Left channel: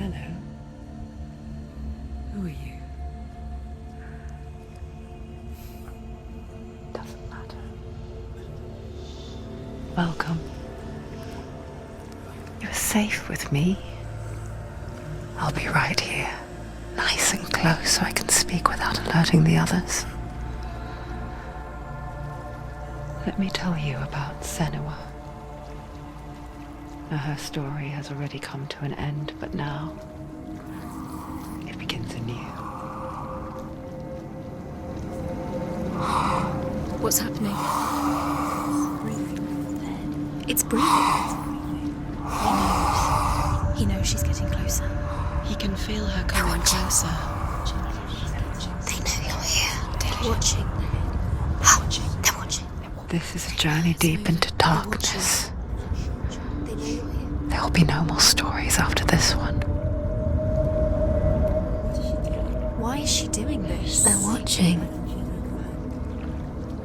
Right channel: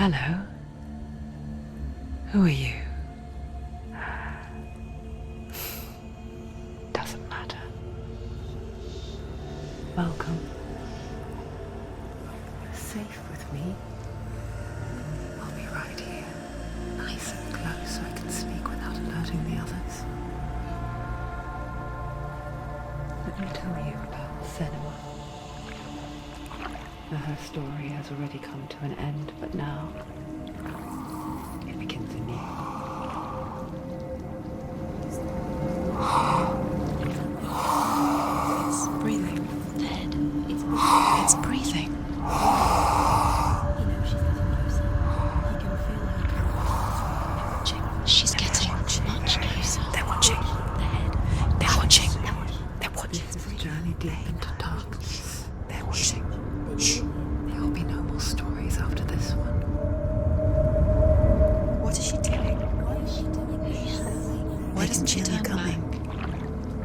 Hello. Who are you? Doesn't matter. Welcome. You're safe with me. I'll be right here, nice and close so I can speak without alerting the others. Let me tell you about Senua. Now, her story has already come to an end, but now it begins anew. What's happening? It's breathing. Dead. It's breathing. It's breathing. He knows she's getting closer. He can feel her coming closer. She's getting closer. They're watching. They're watching. They're watching. They're watching. This is a journey deep into darkness. They're watching. There will be no more stories after this one. What is she doing? Why is she doing this? They're watching. Why doesn't she turn coming?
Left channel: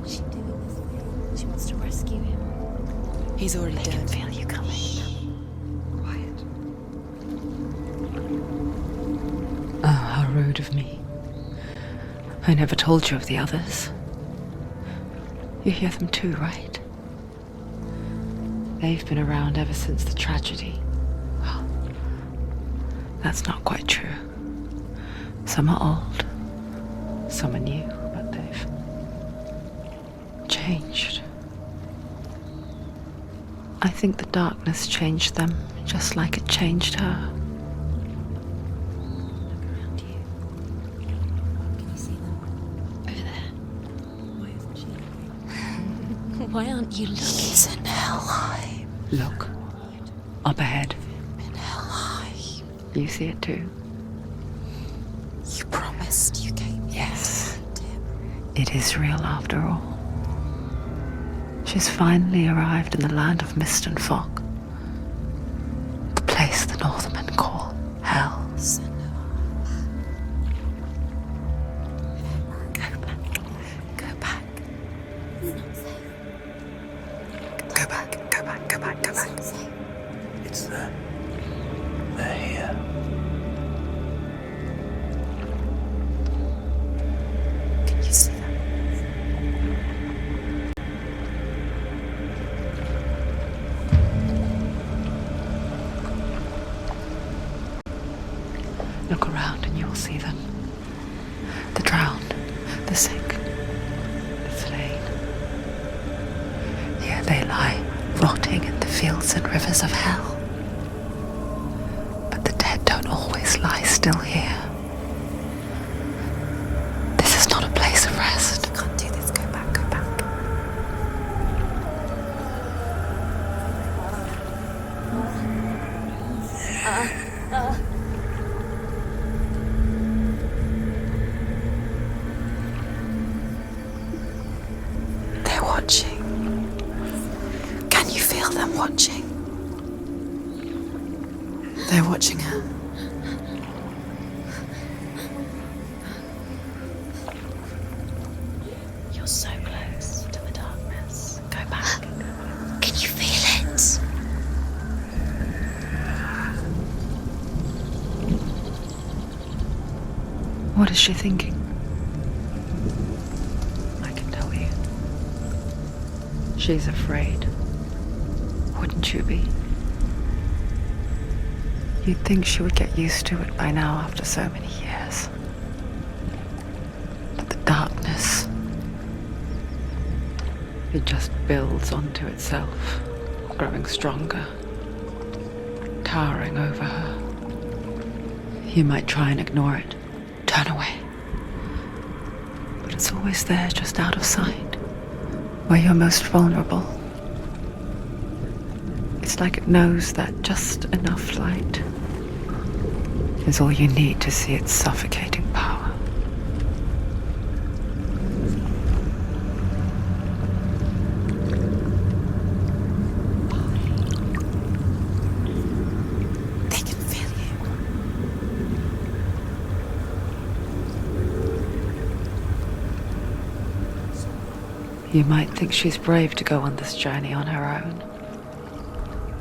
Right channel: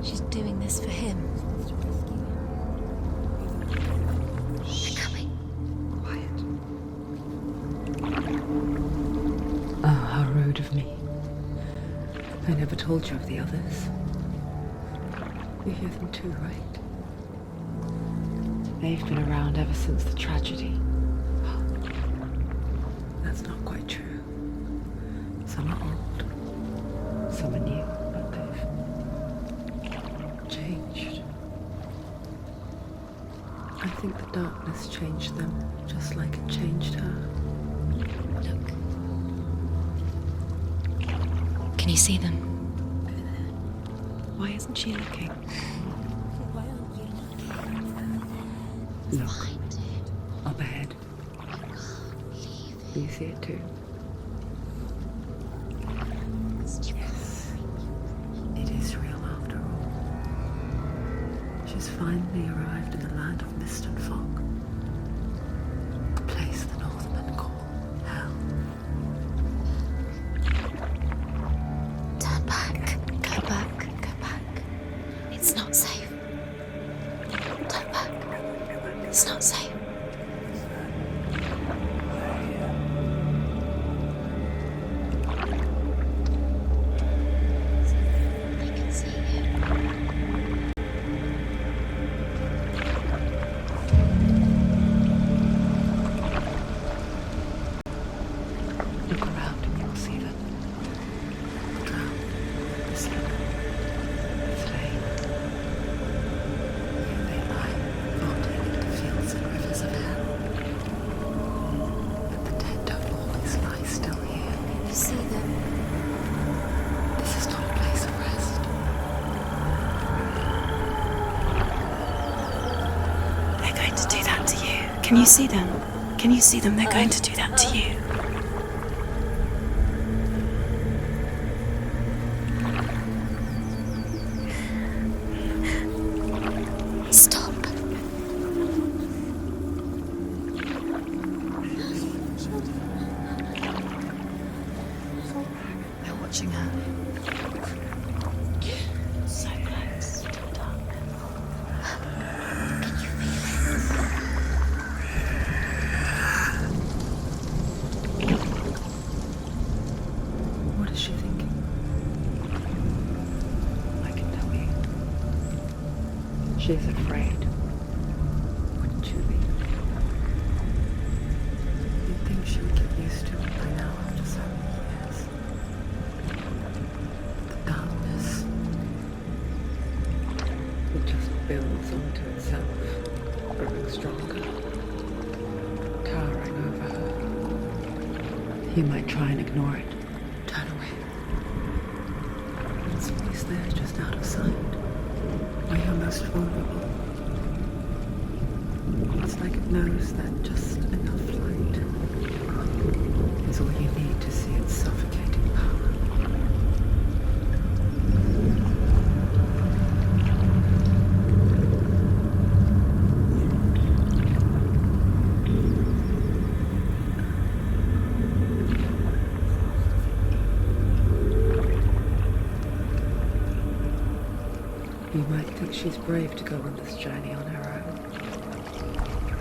She's doing this for him. She wants to rescue him. He's already dead. I can feel you coming. Quiet. Oh, how rude of me. I never told you of the others. You hear them too, right? They've been around ever since the tragedy. Well, that's not quite true. Some are old, some are new, but they've changed. I think the darkness changed them, just like it changed her. Can you see them? Over there. Why isn't she looking? Why aren't you looking? He's in hell. Look, up ahead. Hell. You see it too? You promised you came. Yes. It is real after all. She's finally arrived in the land of mist and fog. The place the Northmen call hell. Turn back. Go back. Go back. It's not safe. Go back, go back, go back, go It's back. not safe. It's there. They're here. Can you see them? I can see him. Look around and you'll see them. The drowned, the sick, the slain. Here they lie, rotting in the fields and rivers of hell. But the dead don't always lie still here. You see them? This is not a place of rest. You can't do this. Go back. Go back. They're going to do that to you. Can you see them? Can you see them? They're going to do that to you. They're watching. Stop. Can you feel them watching? They're watching her. They're watching her. You're so close to the darkness. Go back. Can you feel it? What is she thinking? I can tell you. She's afraid. Wouldn't you be? You'd think she would get used to it by now after so many years. But the darkness, it just builds onto itself, growing stronger, towering over her. You might try and ignore it, turn away. But it's always there, just out of sight, where you're most vulnerable. It's like it knows that just enough light is all you need to see its suffocating power. They can feel you. You might think she's brave to go on this journey on her own,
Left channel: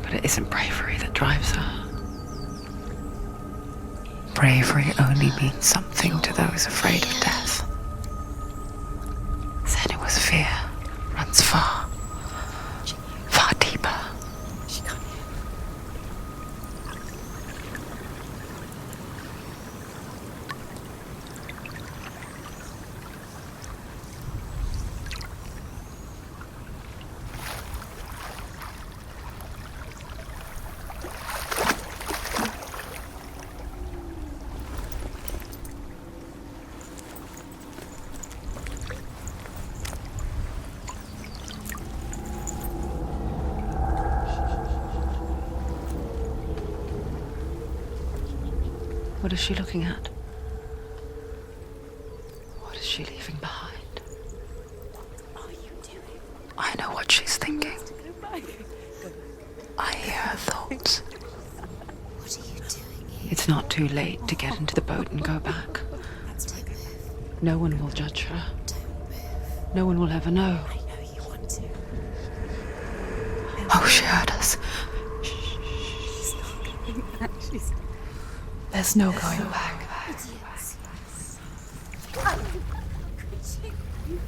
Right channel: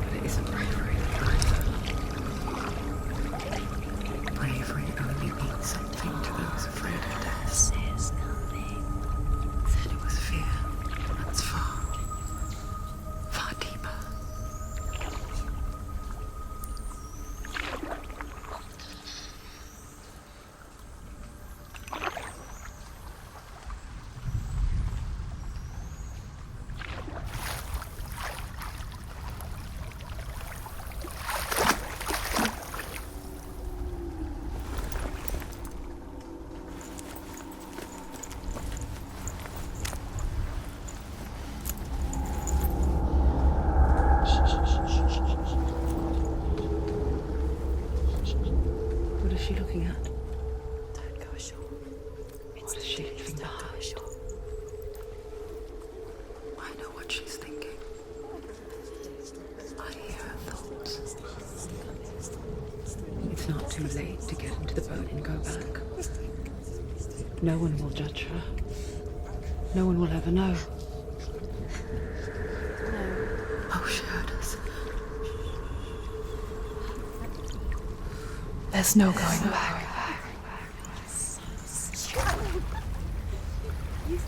but it isn't bravery that drives her. bravery only means something to those afraid of death. Senua's fear runs far, far deeper. What is she looking at? What is she leaving behind? I know what she's thinking. I hear her thoughts. It's not too late to get into the boat and go back. No one will judge her. No one will ever know. Oh, she heard us. There's no going back. You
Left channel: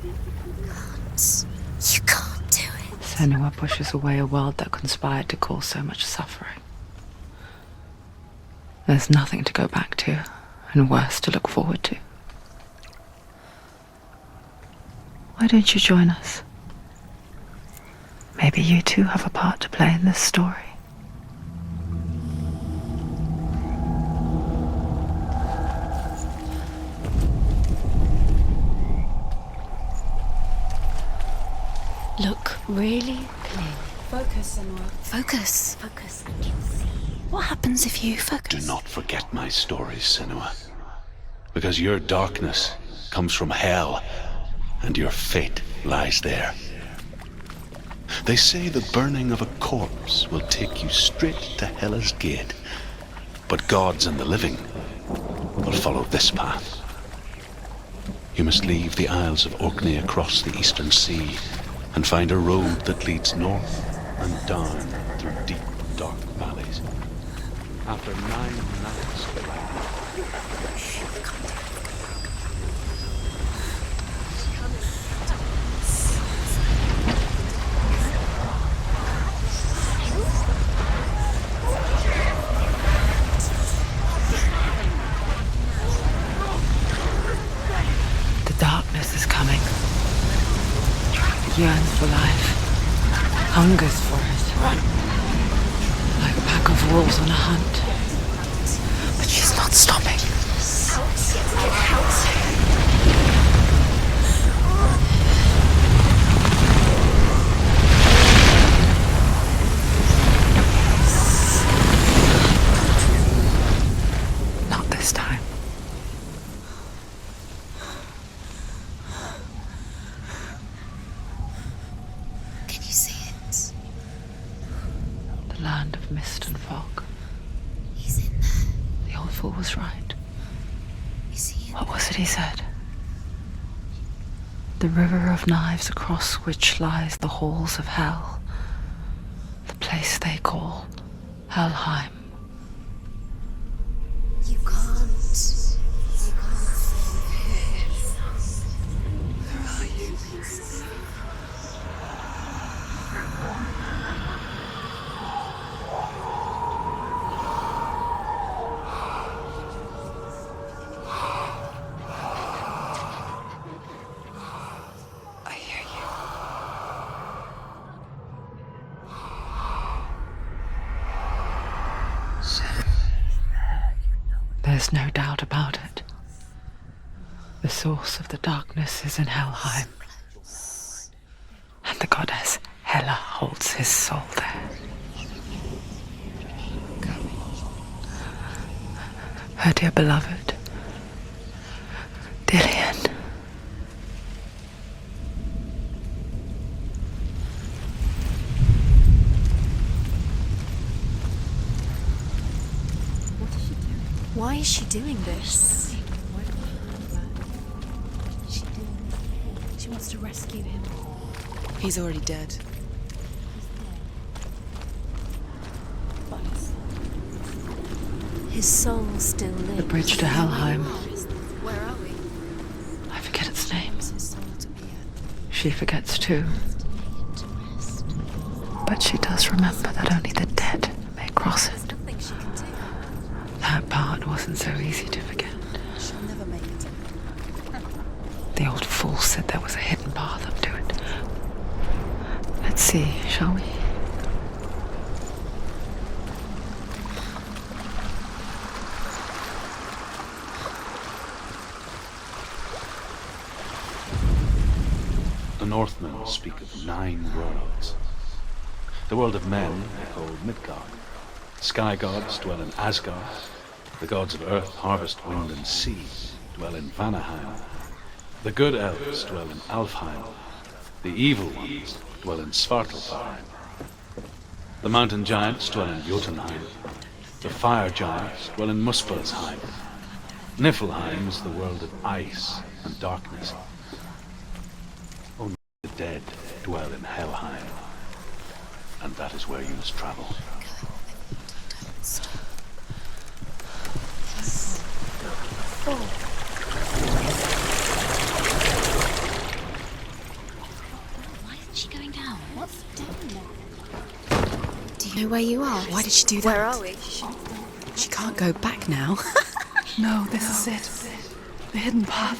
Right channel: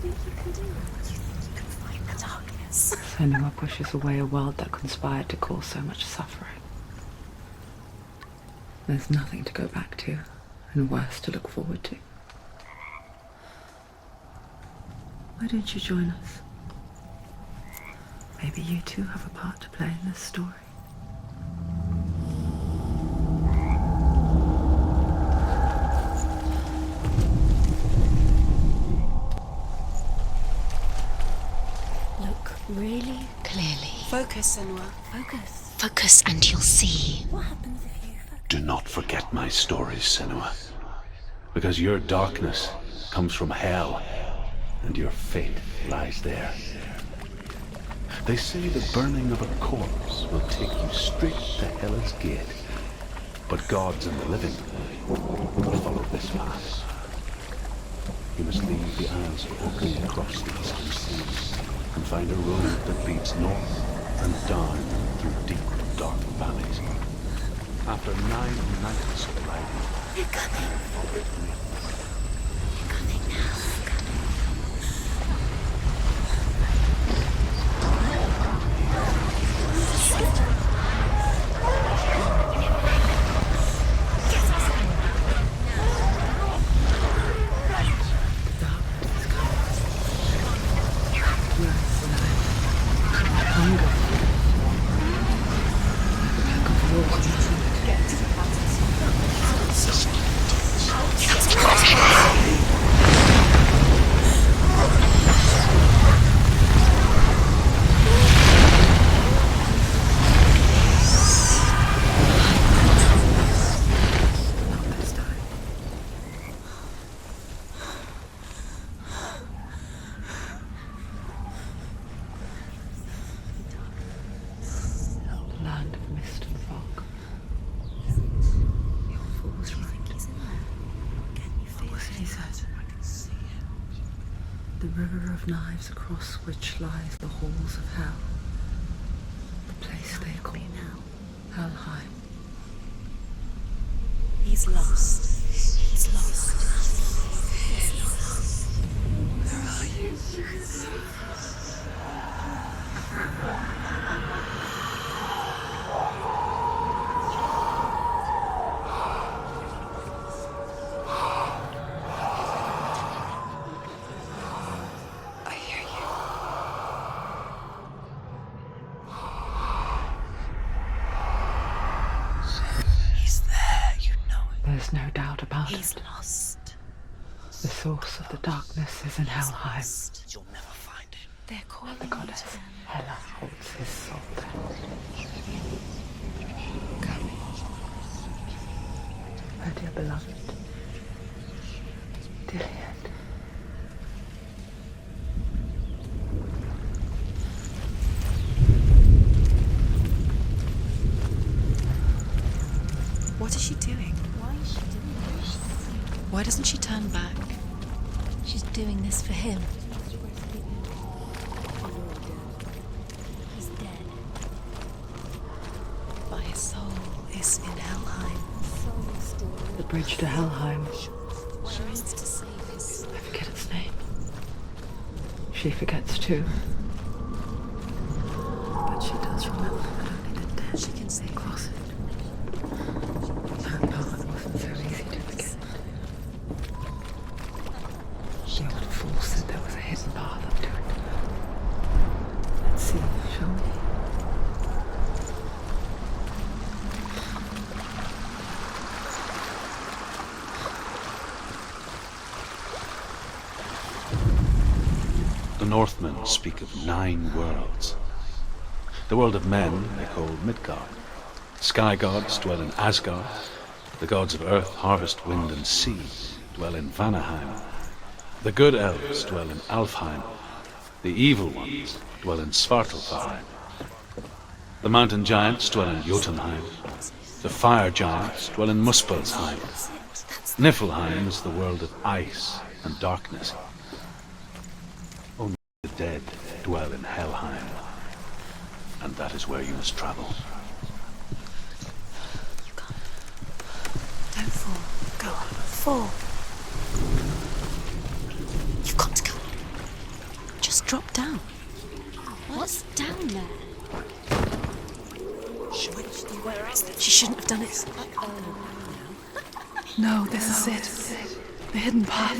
can't do it. Senua pushes away a world that conspired to cause so much suffering. There's nothing to go back to, and worse to look forward to. Why don't you join us? Maybe you too have a part to play in this story. Look really clearly. Focus, Senua. Focus, and you'll see. What happens if you focus? Do not forget my stories, Senua. Because your darkness comes from hell, and your fate lies there. They say the burning of a corpse will take you straight to Hellish gate, but gods and the living will follow this path. You must leave the Isles of Orkney across the eastern sea and find a road that leads north and down through deep, dark valleys. After 9 nights of life, The darkness is coming. Yearns for life. Hungers for it. Like a pack of wolves on a hunt. But she's not stopping. Not this time. Can you see it? The land of mist and fog. He's in there. The old fool was right. You see? What was it he said? The river of knives across which lies the halls of hell. The place they call Helheim. He's lost. He's lost. Where are you? I hear you. He's there, you know it. There's no doubt about He's it. lost. The source of the darkness is in Helheim, and the goddess Hela holds his soul there. Her dear beloved, Dillian. What is she doing? Why is she doing this? Why doesn't she turn back? She's doing this for him. She wants to rescue him. He's already dead. He's dead. But his soul is in Helheim. His soul still lives. The bridge to Helheim. I forget its name. She forgets too. But she does remember that only the dead may cross it. That part wasn't so easy to forget. The old fool said there was a hidden path up to it. Let's see, shall we? The Northmen speak of 9 worlds. The world of men they call Midgard. Sky gods dwell in Asgard. The gods of earth, harvest, wind, and sea dwell in Vanaheim. The good elves dwell in Alfheim. The evil ones dwell in Svartalfheim. The mountain giants dwell in Jotunheim. The fire giants dwell in Muspelheim. Niflheim is the world of ice and darkness. Only the dead dwell in Helheim. And that is where you must travel. Just drop down. Where's she going down? What's down there? Do you know where you are? Why did she do that? Where are we? She shouldn't have done it. She can't go back now. No, this is it. The hidden path.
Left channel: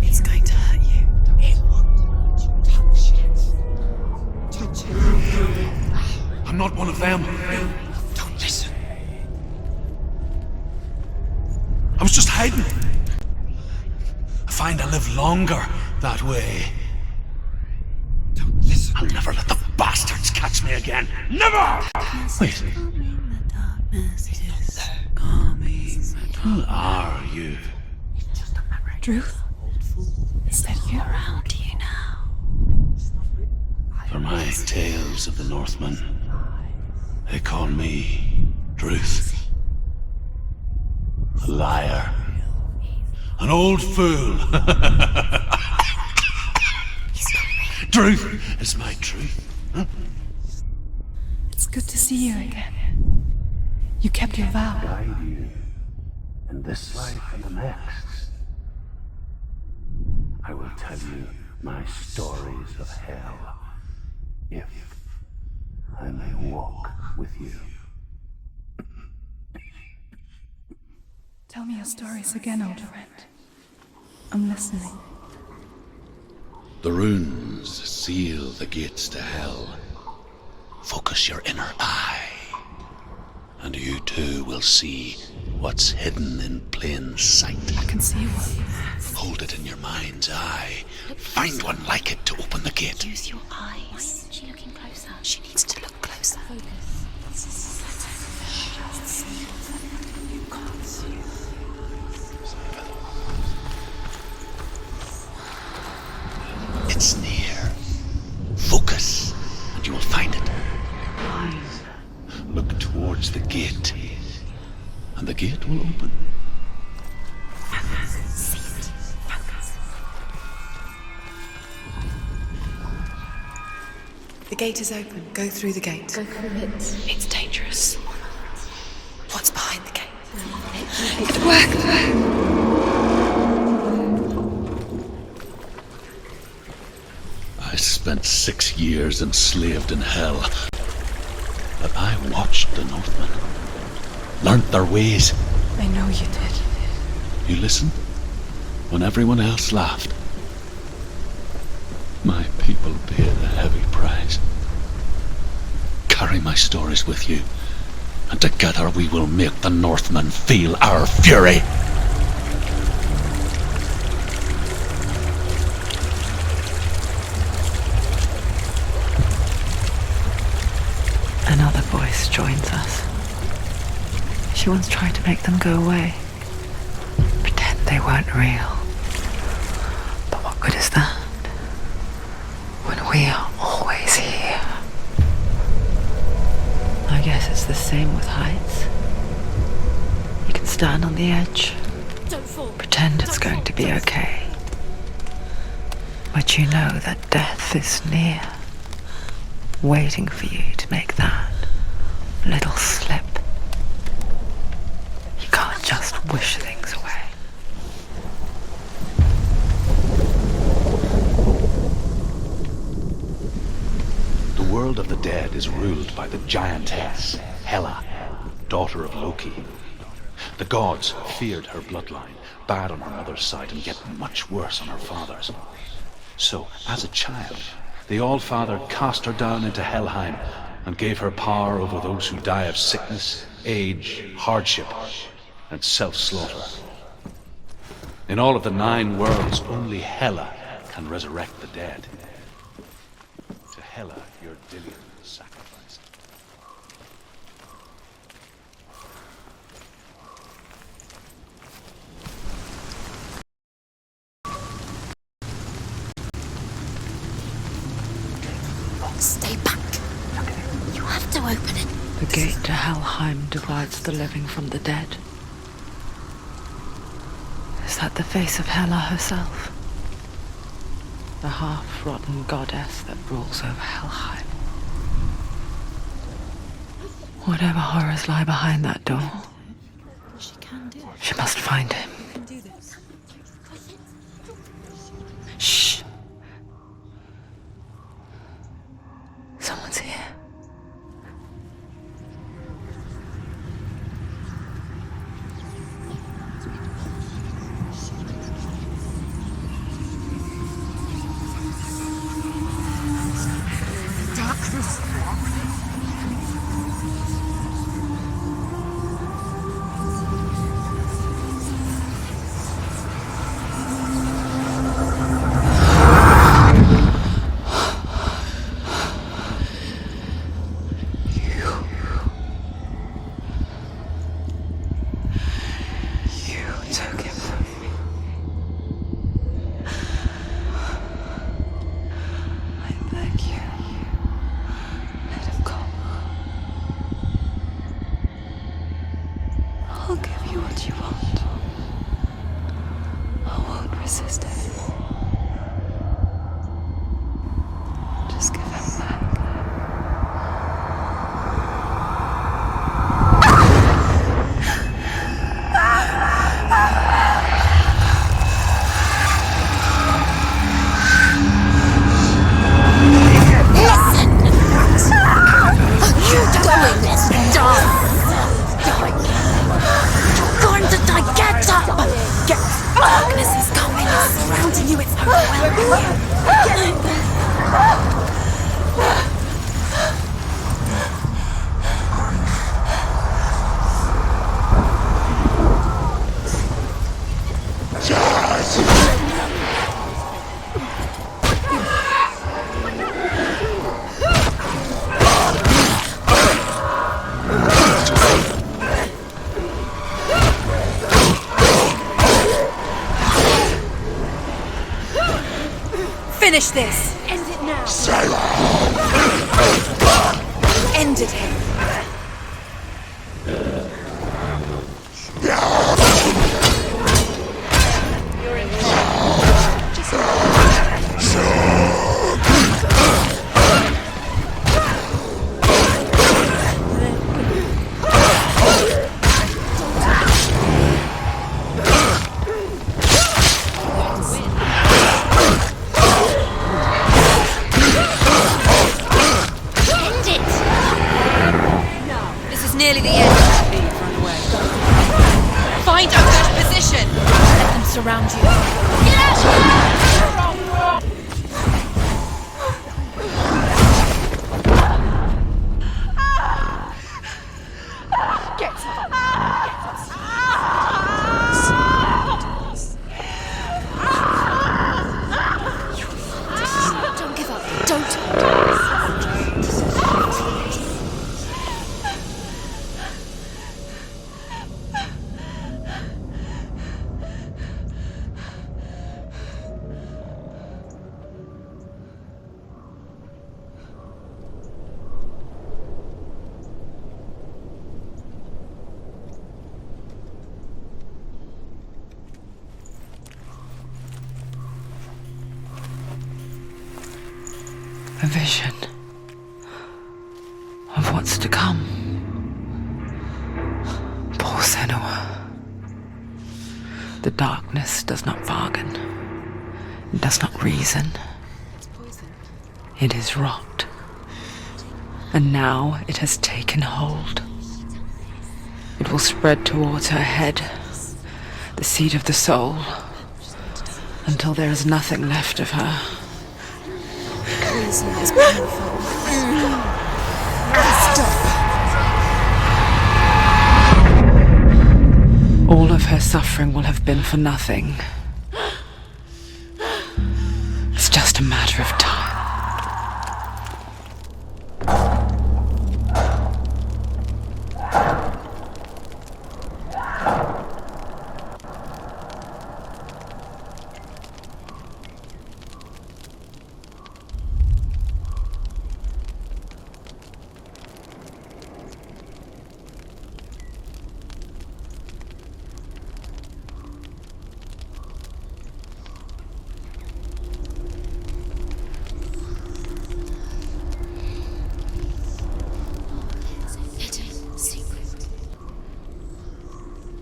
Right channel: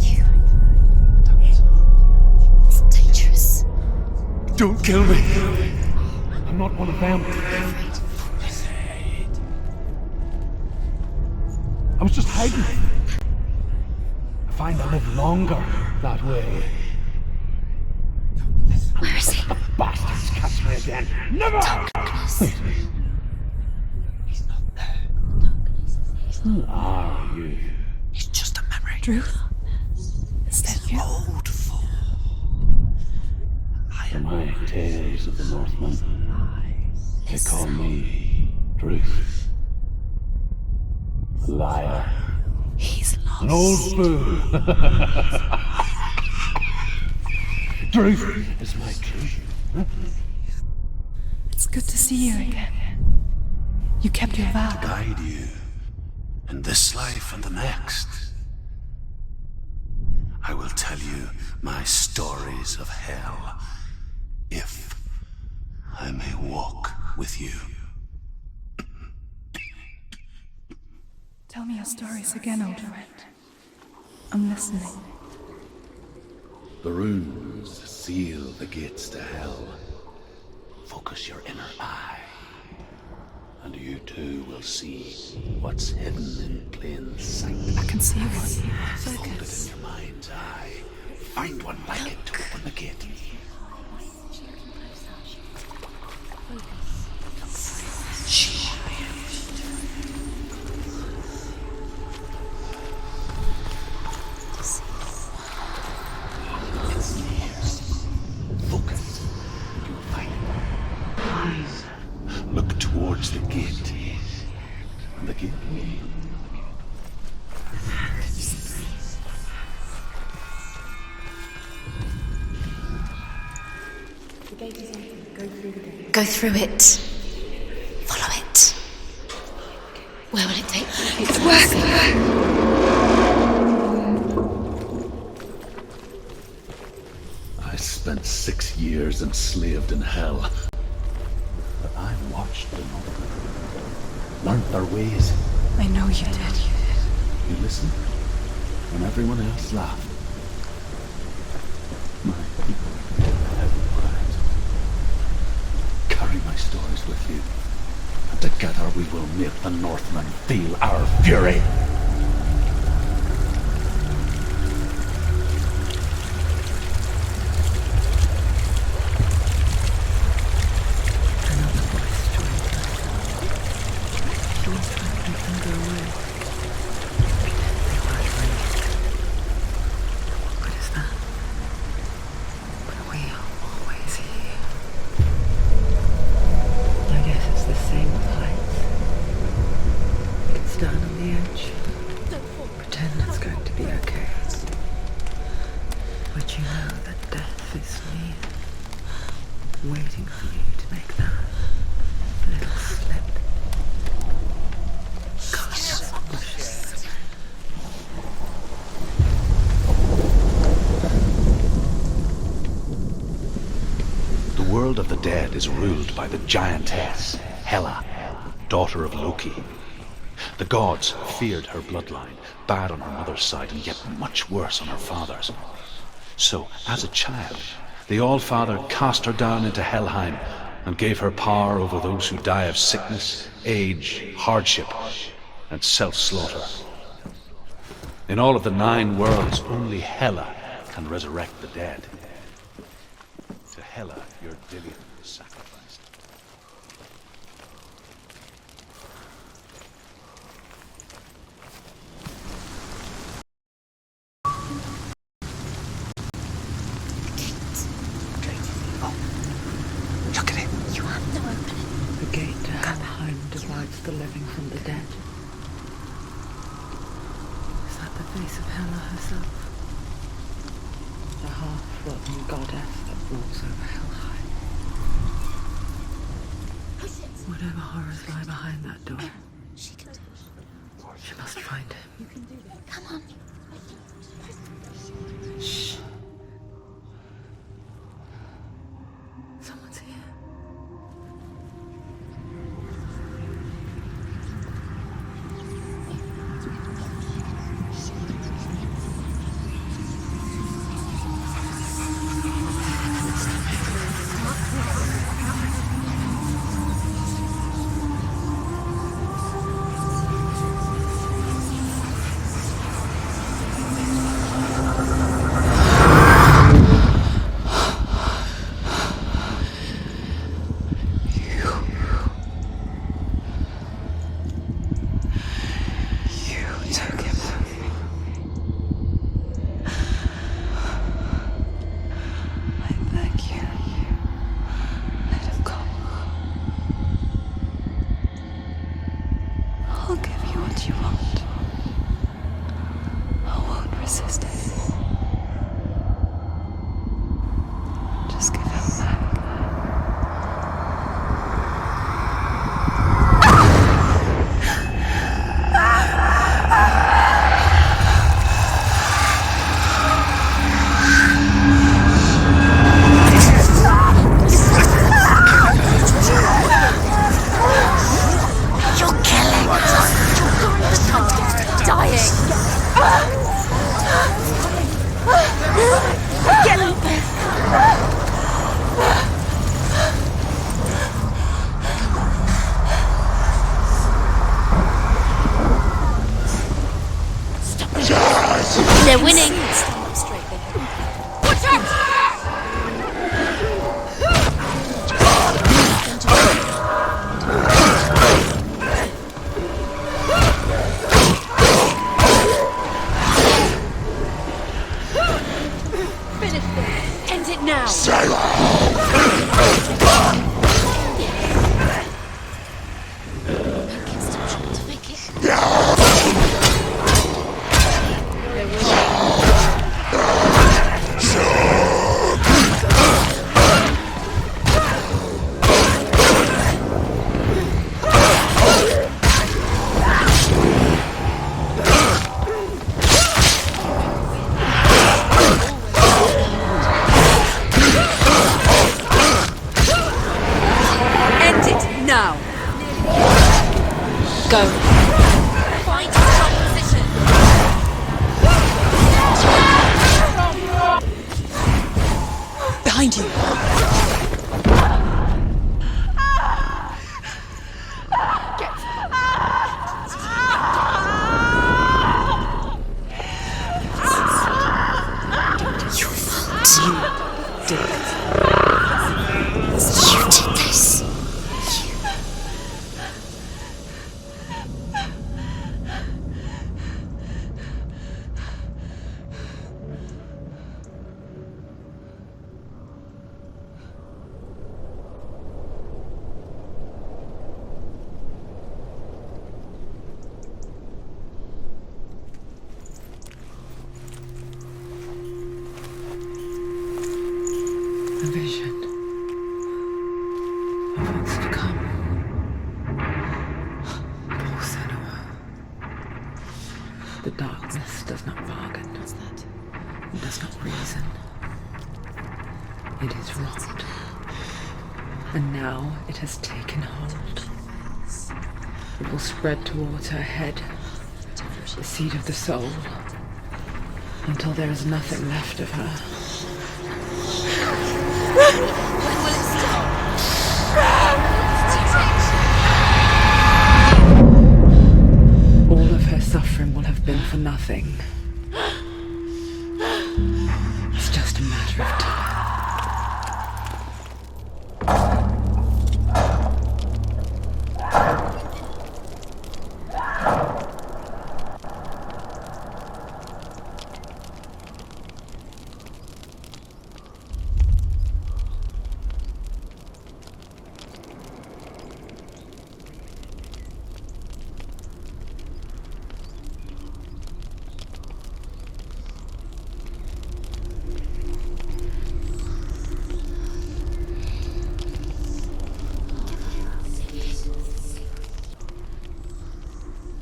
He's going to hurt you. It's dangerous. Don't kill me. I'm not one of them. Don't listen. I was just hiding. I find I live longer that way. Don't listen. I'll never let the bastards catch me again. Never! Wait. Who are you? It's just a memory. Drew? Is that you? How do you now? For my tales of the Northmen, they call me Druth. A liar. He's lost. An old fool. Truth is my truth. It's good to see you again. You kept your vow. Guide you in this life and the next. I will tell you my stories of hell, if I may walk with you. Tell me your stories again, old friend. I'm listening. The runes seal the gates to hell. Focus your inner eye, and you too will see what's hidden in plain sight. I can see one. Hold it in your mind's eye. Find one like it to open the gate. Use your eyes. She looking closer. She needs to look closer. It's near. Focus, and you will find it. Look towards the gate, and the gate will open. The gate is open. Go through the gate. Go through it. It's dangerous. Follow it. What's behind the gate? Where will it take you? It worked! I spent 6 years enslaved in hell. But I watched the Northmen, learnt their ways. I know you did. You listened when everyone else laughed. My people paid the heavy price. Carry my stories with you, and together we will make the Northmen feel our fury. Another voice joins us. She once tried to make them go away. Pretend they weren't real. But what good is that? When we are always here. I guess it's the same with heights. You can stand on the edge, Don't fall. pretend pretend it's going to be okay. But you know that death is near, waiting for you to make that little slip. You can't just wish things away. The world of the dead is ruled by the giantess, Hela, daughter of Loki. The gods feared her bloodline, bad on her mother's side and yet much worse on her father's. So, as a child, the All-Father cast her down into Helheim and gave her power over those who die of sickness, age, hardship, and self-slaughter. In all of the 9 worlds, only Hela can resurrect the dead. To Hela, your Dillion was sacrificed. Stay back. Look at it. You have to open it. The gate to Helheim divides the living from the dead. Is that the face of Hela herself? The half-rotten goddess that rules over Helheim. Whatever horrors lie behind that door, she must find him. Shh. Someone's here. I'll give you what you want. I won't resist anymore. Just give him back. They're winning. Finish this. End it now. End it. vision of what's to come. Poor Senua. The darkness does not bargain. It does not reason. It is rot. And now it has taken hold. It will spread towards her head, the seat of the soul, until there is nothing left of her. All of her suffering will have been for nothing. It's just a matter of time.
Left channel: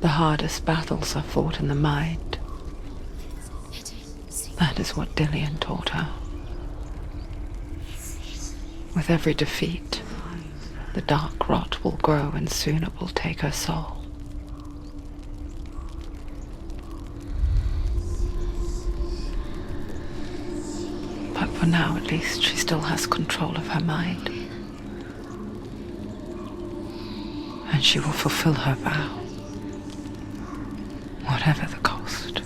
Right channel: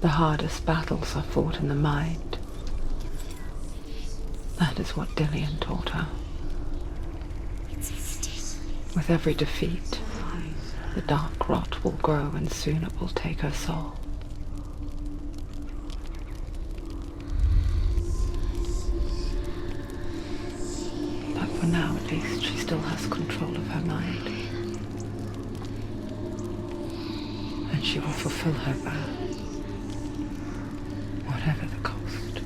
The hardest battles are fought in the mind. That is what Dillian taught her. With every defeat, the dark rot will grow and soon it will take her soul. But for now, at least, she still has control of her mind. And she will fulfill her vow. Whatever the cost.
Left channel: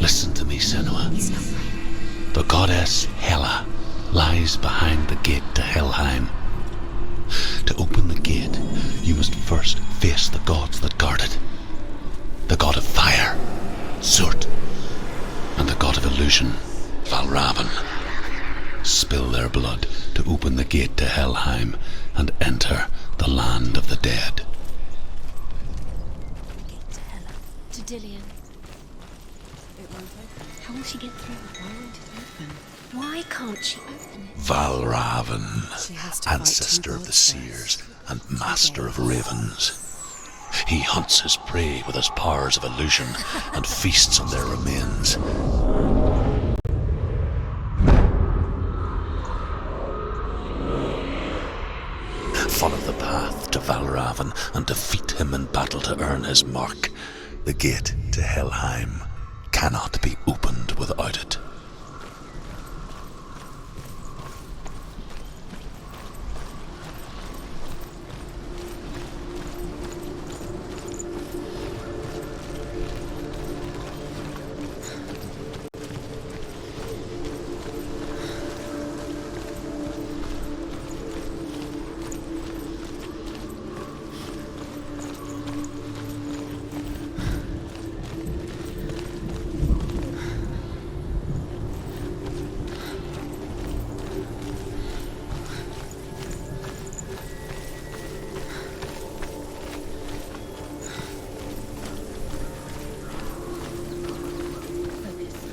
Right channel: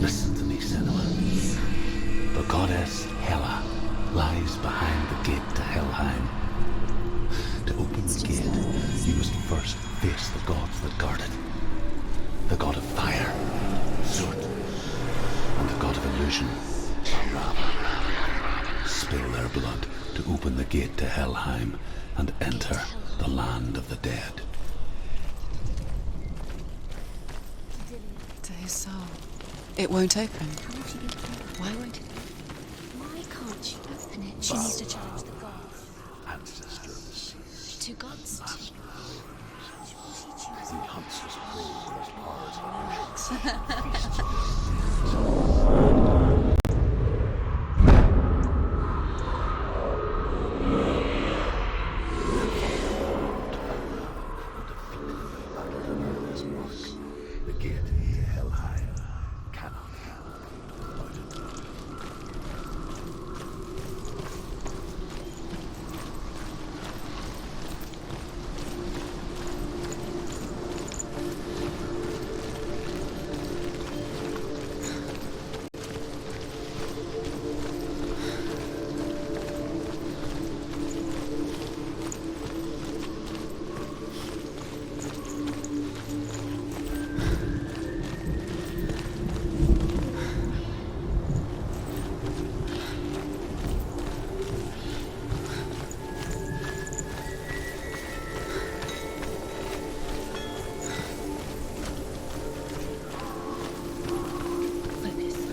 Listen to me, Senua. The goddess Hela lies behind the gate to Helheim. To open the gate, you must first face the gods that guard it. The god of fire, Surt, and the god of illusion, Valravn. Spill their blood to open the gate to Helheim and enter the land of the dead. To Dillian. To his soul. It won't open. How will she get through? Why won't it open? Why can't she open it? Valravn, She has to fight ancestor two of the gods seers Two and gods. master of ravens. He hunts his prey with his powers of illusion and feasts on their remains. Follow the path to Valravn and defeat him in battle to earn his mark. The gate to Helheim cannot be opened without it.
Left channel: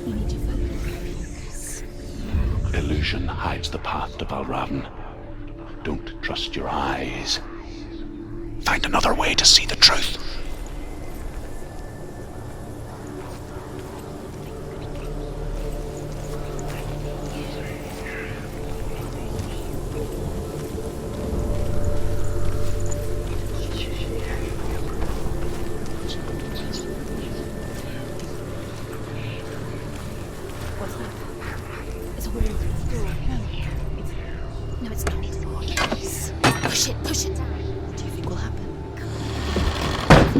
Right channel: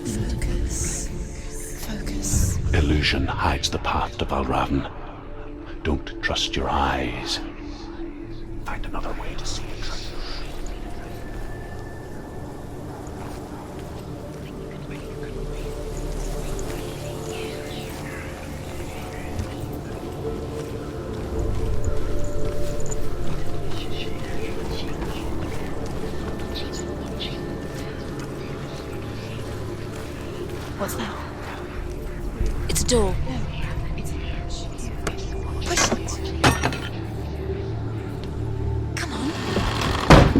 You need to focus. Focus. Illusion hides the path to Valravn. Don't trust your eyes. Find another way to see the truth. What's that? It's a door. Push it. Push it. Push it. What do you think will happen? Come on.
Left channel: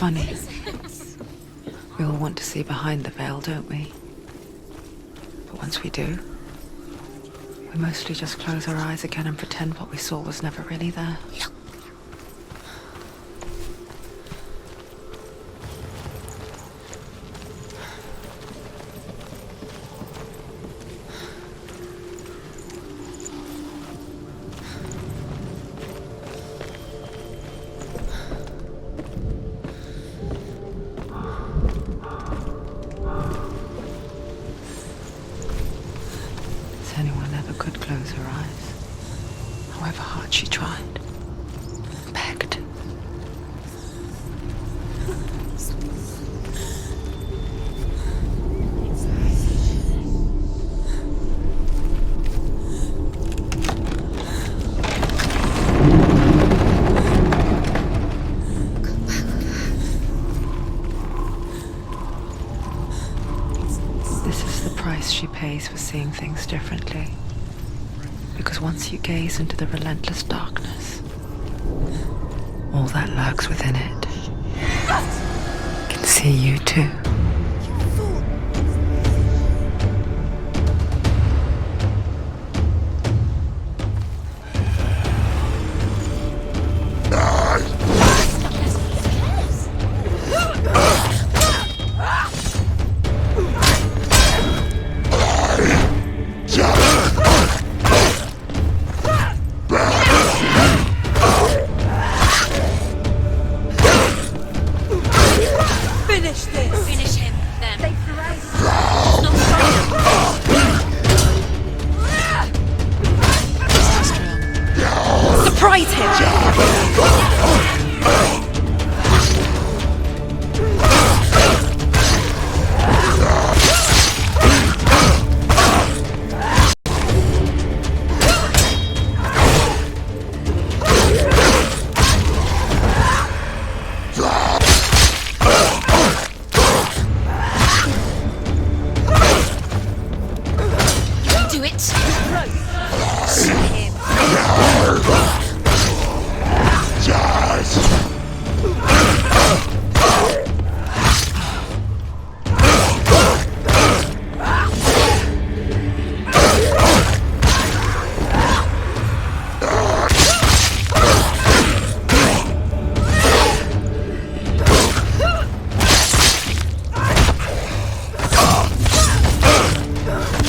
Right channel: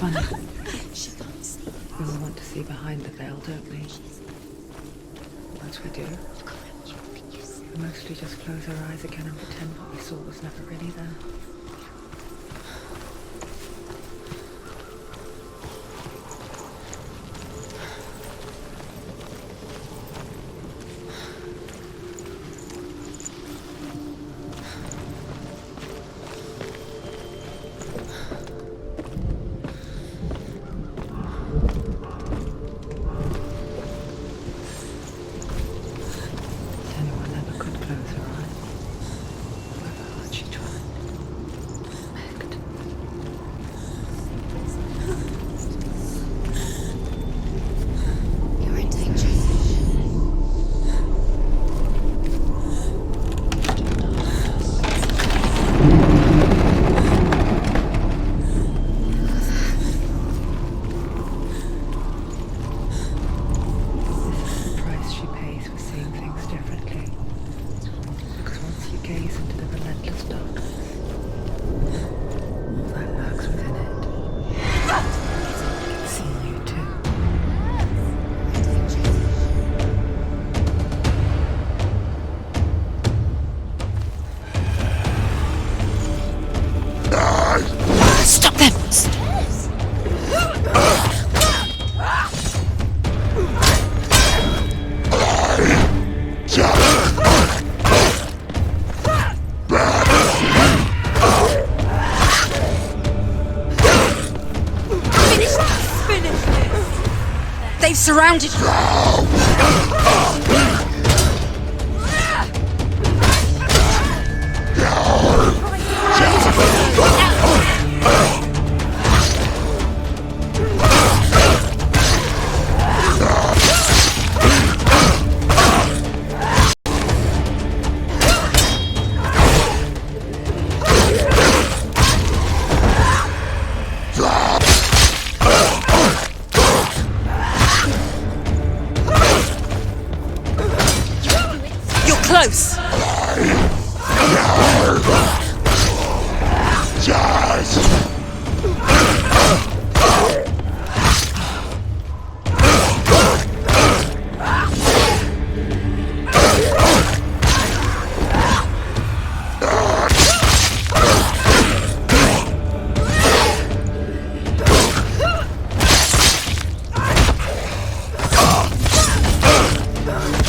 funny. We all want to see behind the veil, don't we? But once we do, we mostly just close our eyes again and pretend what we saw was never really there. Anyone ever could close her eyes, however hard she tried, begged. You're in danger. This is the price she pays for seeing things differently. Because once you gaze into the relentless darkness, all that lurks within it can see you too. Stop them! Finish this! They've surrounded you! Surprise him! Do it! You're close!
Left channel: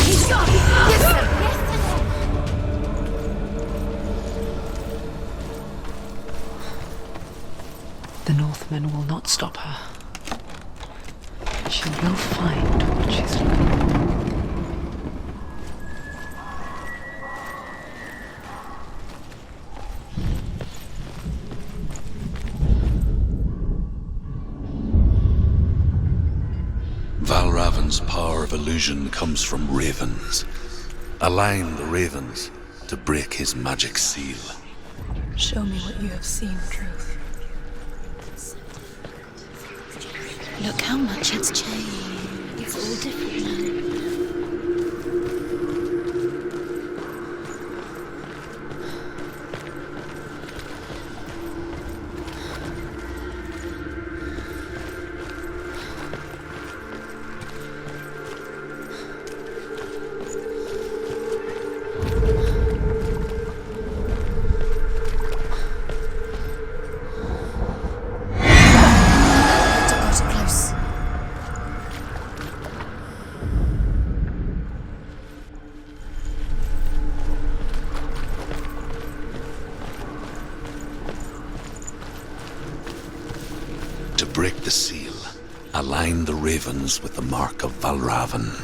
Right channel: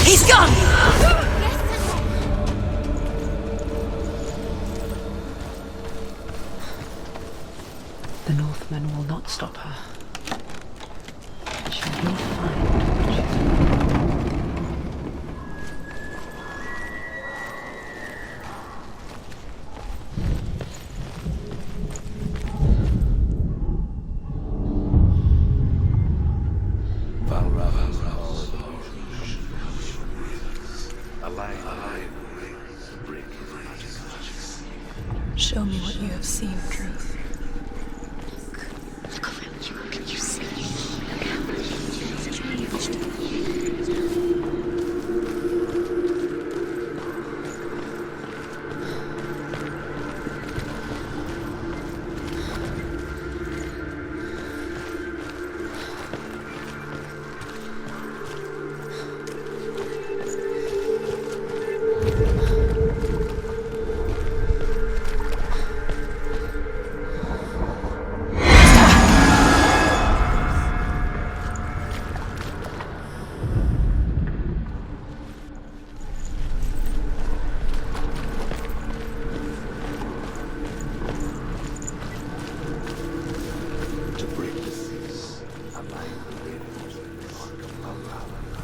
He's gone! The Northmen will not stop her. She will find what she's looking for. Valravan's power of illusion comes from ravens. Align the ravens to break his magic seal. Show me what you have seen, Truth. Look how much it's changed. It's all different. Too close. To break the seal, align the ravens with the mark of Valravan.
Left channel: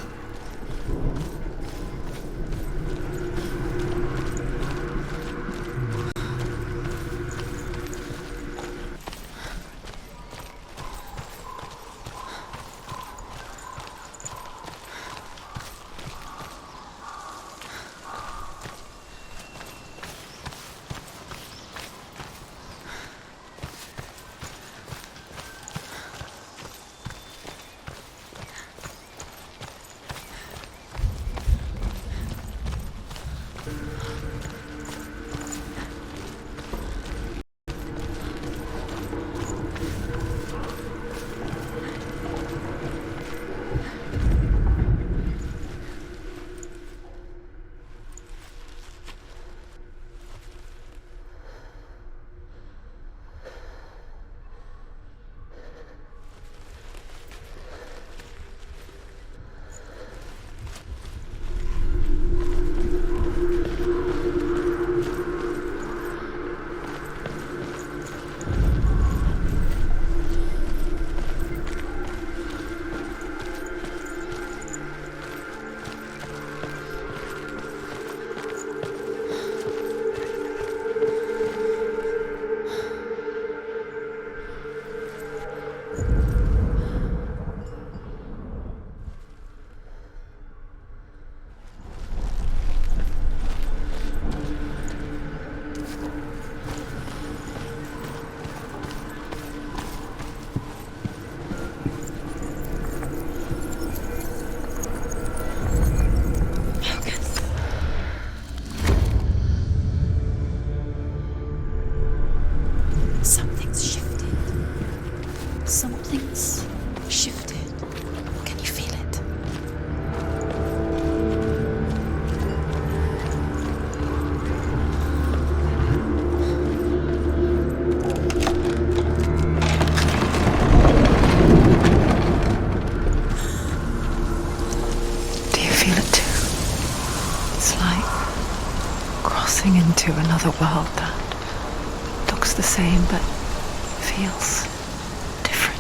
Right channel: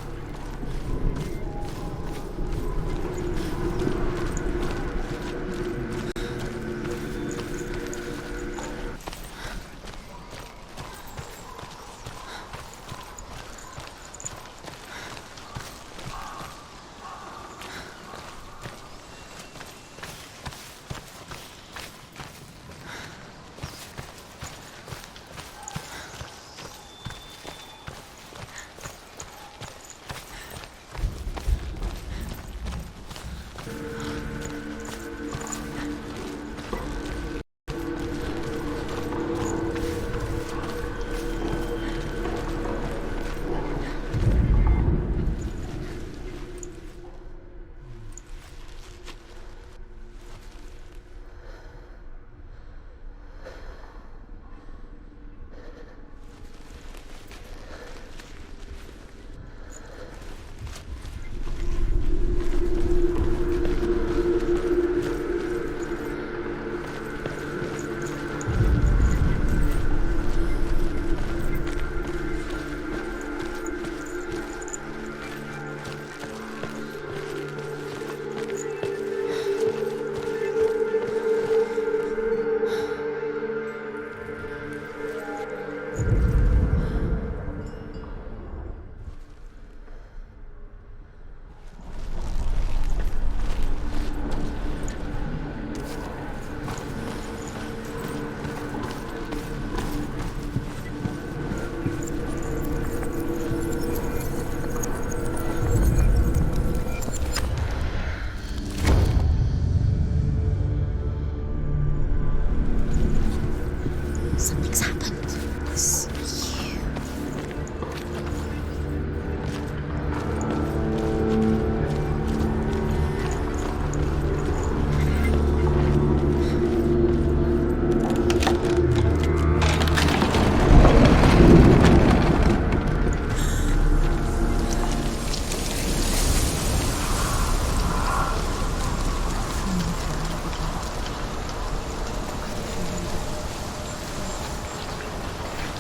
the same, but feels different.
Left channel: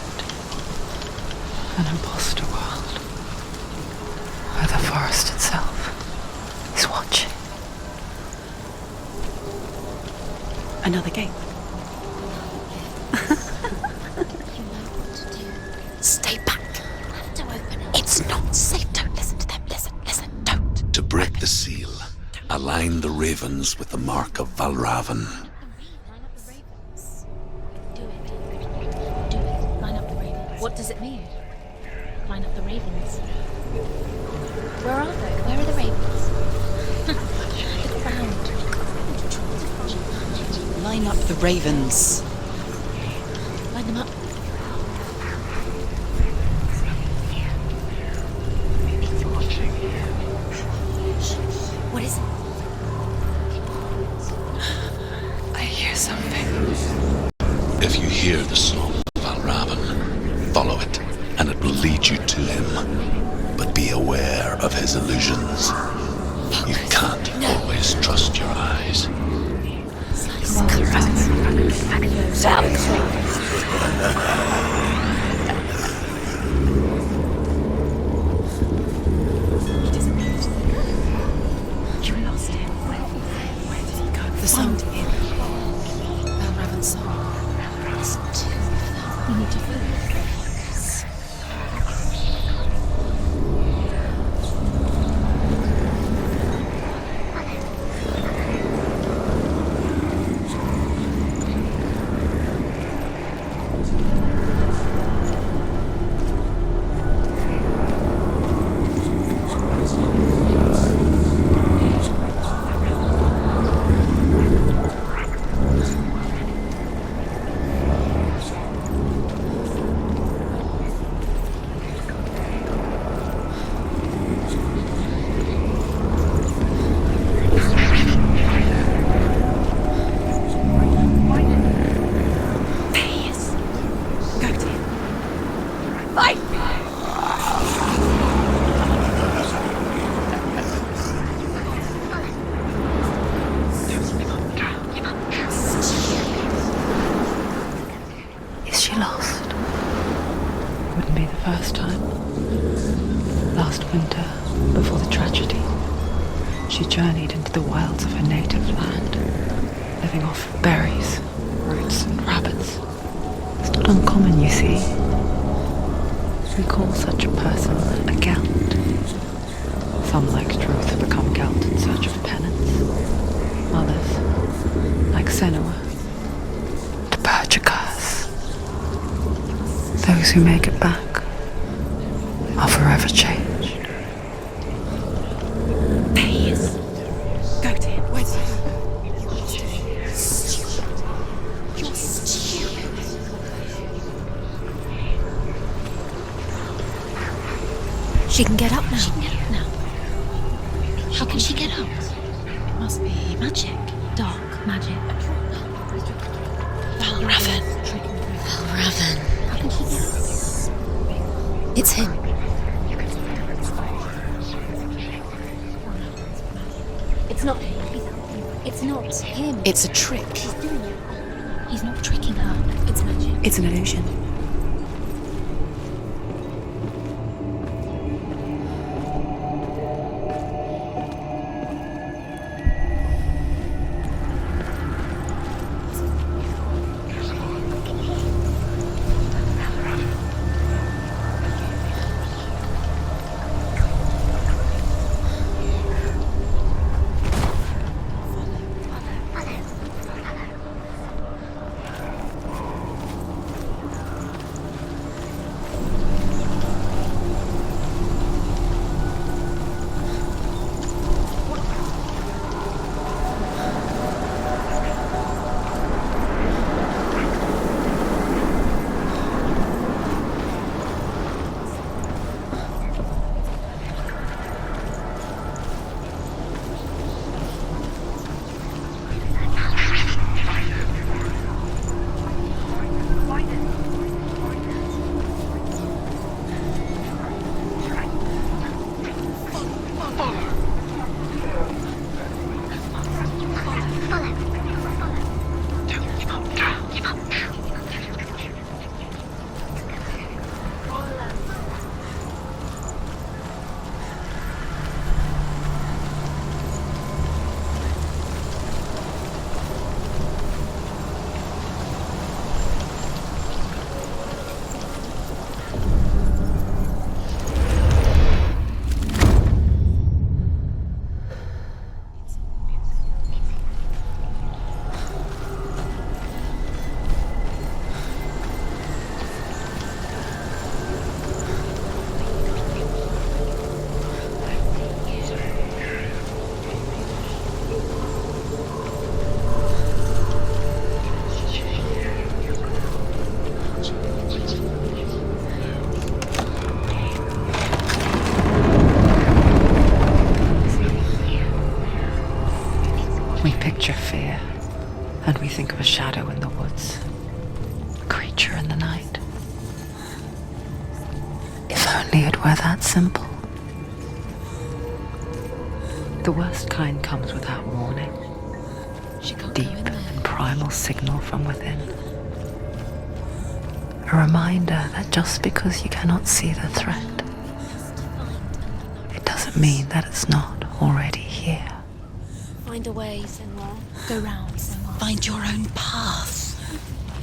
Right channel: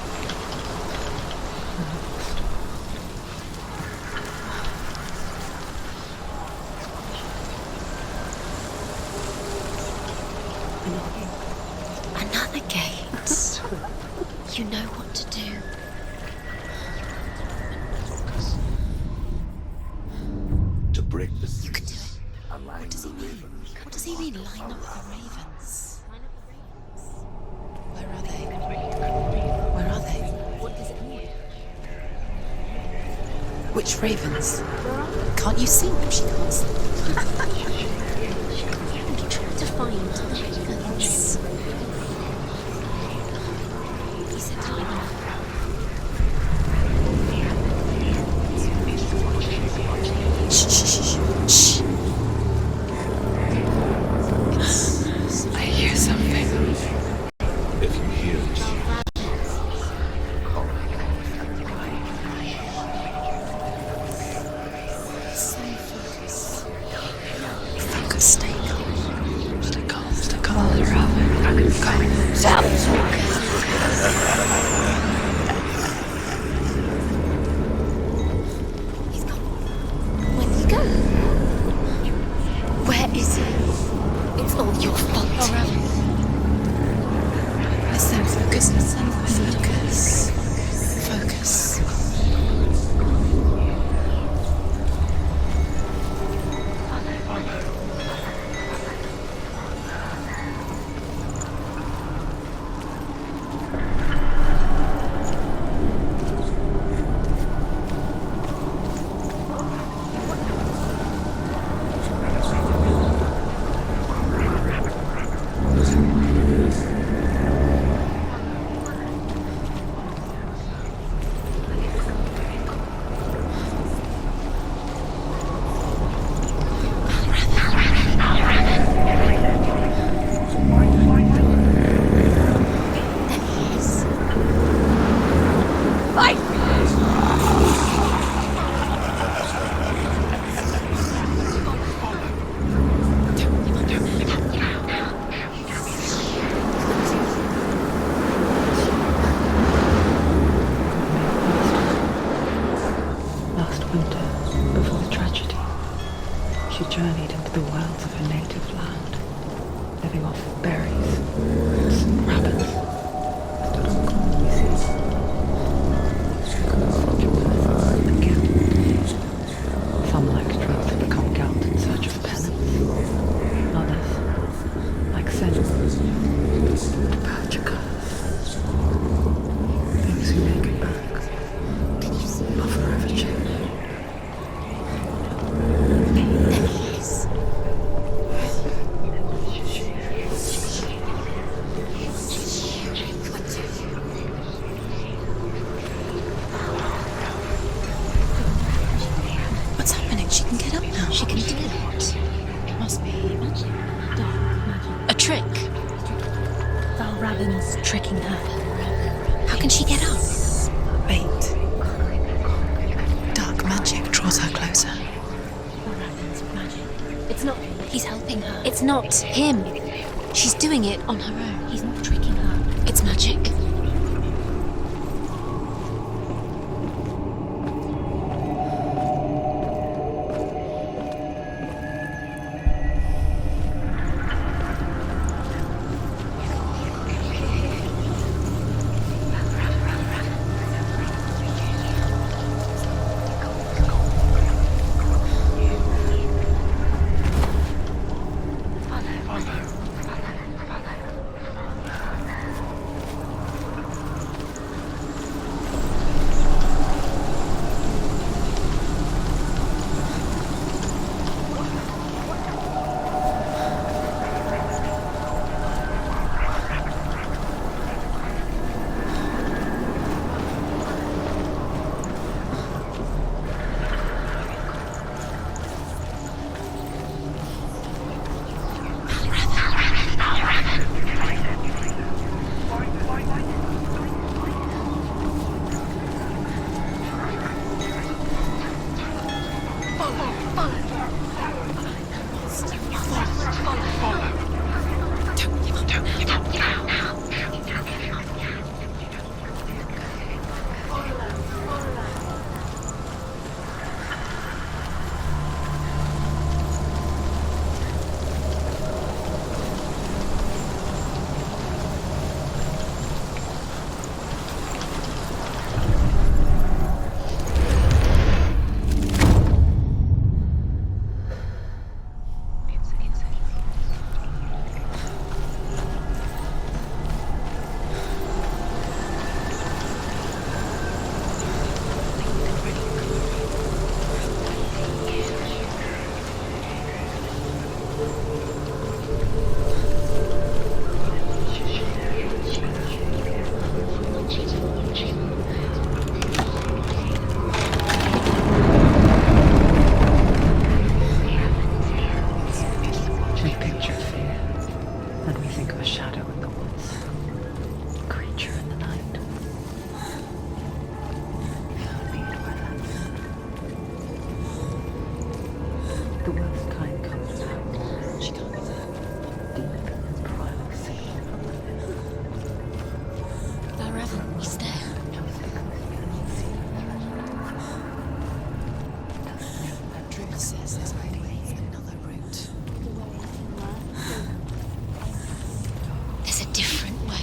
An imposter world, where the forest itself is watching. Another gate. Another gate. You know what to do. Stay back. You have to open it. It's not safe. Don't listen to them. Listen, don't. To break the seal, align the ravens with the mark of Valravan. Where are they? What does it mean? Line up the ravens. Which ravens? Where are they? Can't you see them? She can't. To find them. Line up the ravens. Line them up. He said to line them up. Shh. What is it? I hear something. If you hear the soul of Valravan, follow it, and it will lead you to him. But be aware of his illusions. You can't always trust your eyes. Come on, Raven. Where is he? Oh, you're fucked. Listen, focus. You need to focus. Focus. Is she lost? Couldn't be the first time. Last winter, before the tragedy, she journeyed into the wilds of her native land, living off berries, roots, and rabbits. It's not uncommon, you see. We call such a person a Gelt. Some, like drugs, become Gelt in search of penance. Others, like Senua, to purge a curse. Those who make it back are forever changed. She can get up now. What's happening? She can get up now. How can she get out? Must be magic. Dark magic. A trick. Valravan tricking her. Raven. How can she get up? Wait. It's him. Dark magic draws her closer. Valravan's magic. It's not him. He's helping her. It's not him. It's a trick. She's doing it on her own. He's not tricking her. It's magic. It's an illusion. shadow in the woods, a creature in the night. If only it were that simple. The worst kind comes without warning. Deep and primal signal from within. A reminder that just because you cannot see the threat, it doesn't mean that it's not already here. Find a way, Senua. Go round. Find your own path. There's a different way.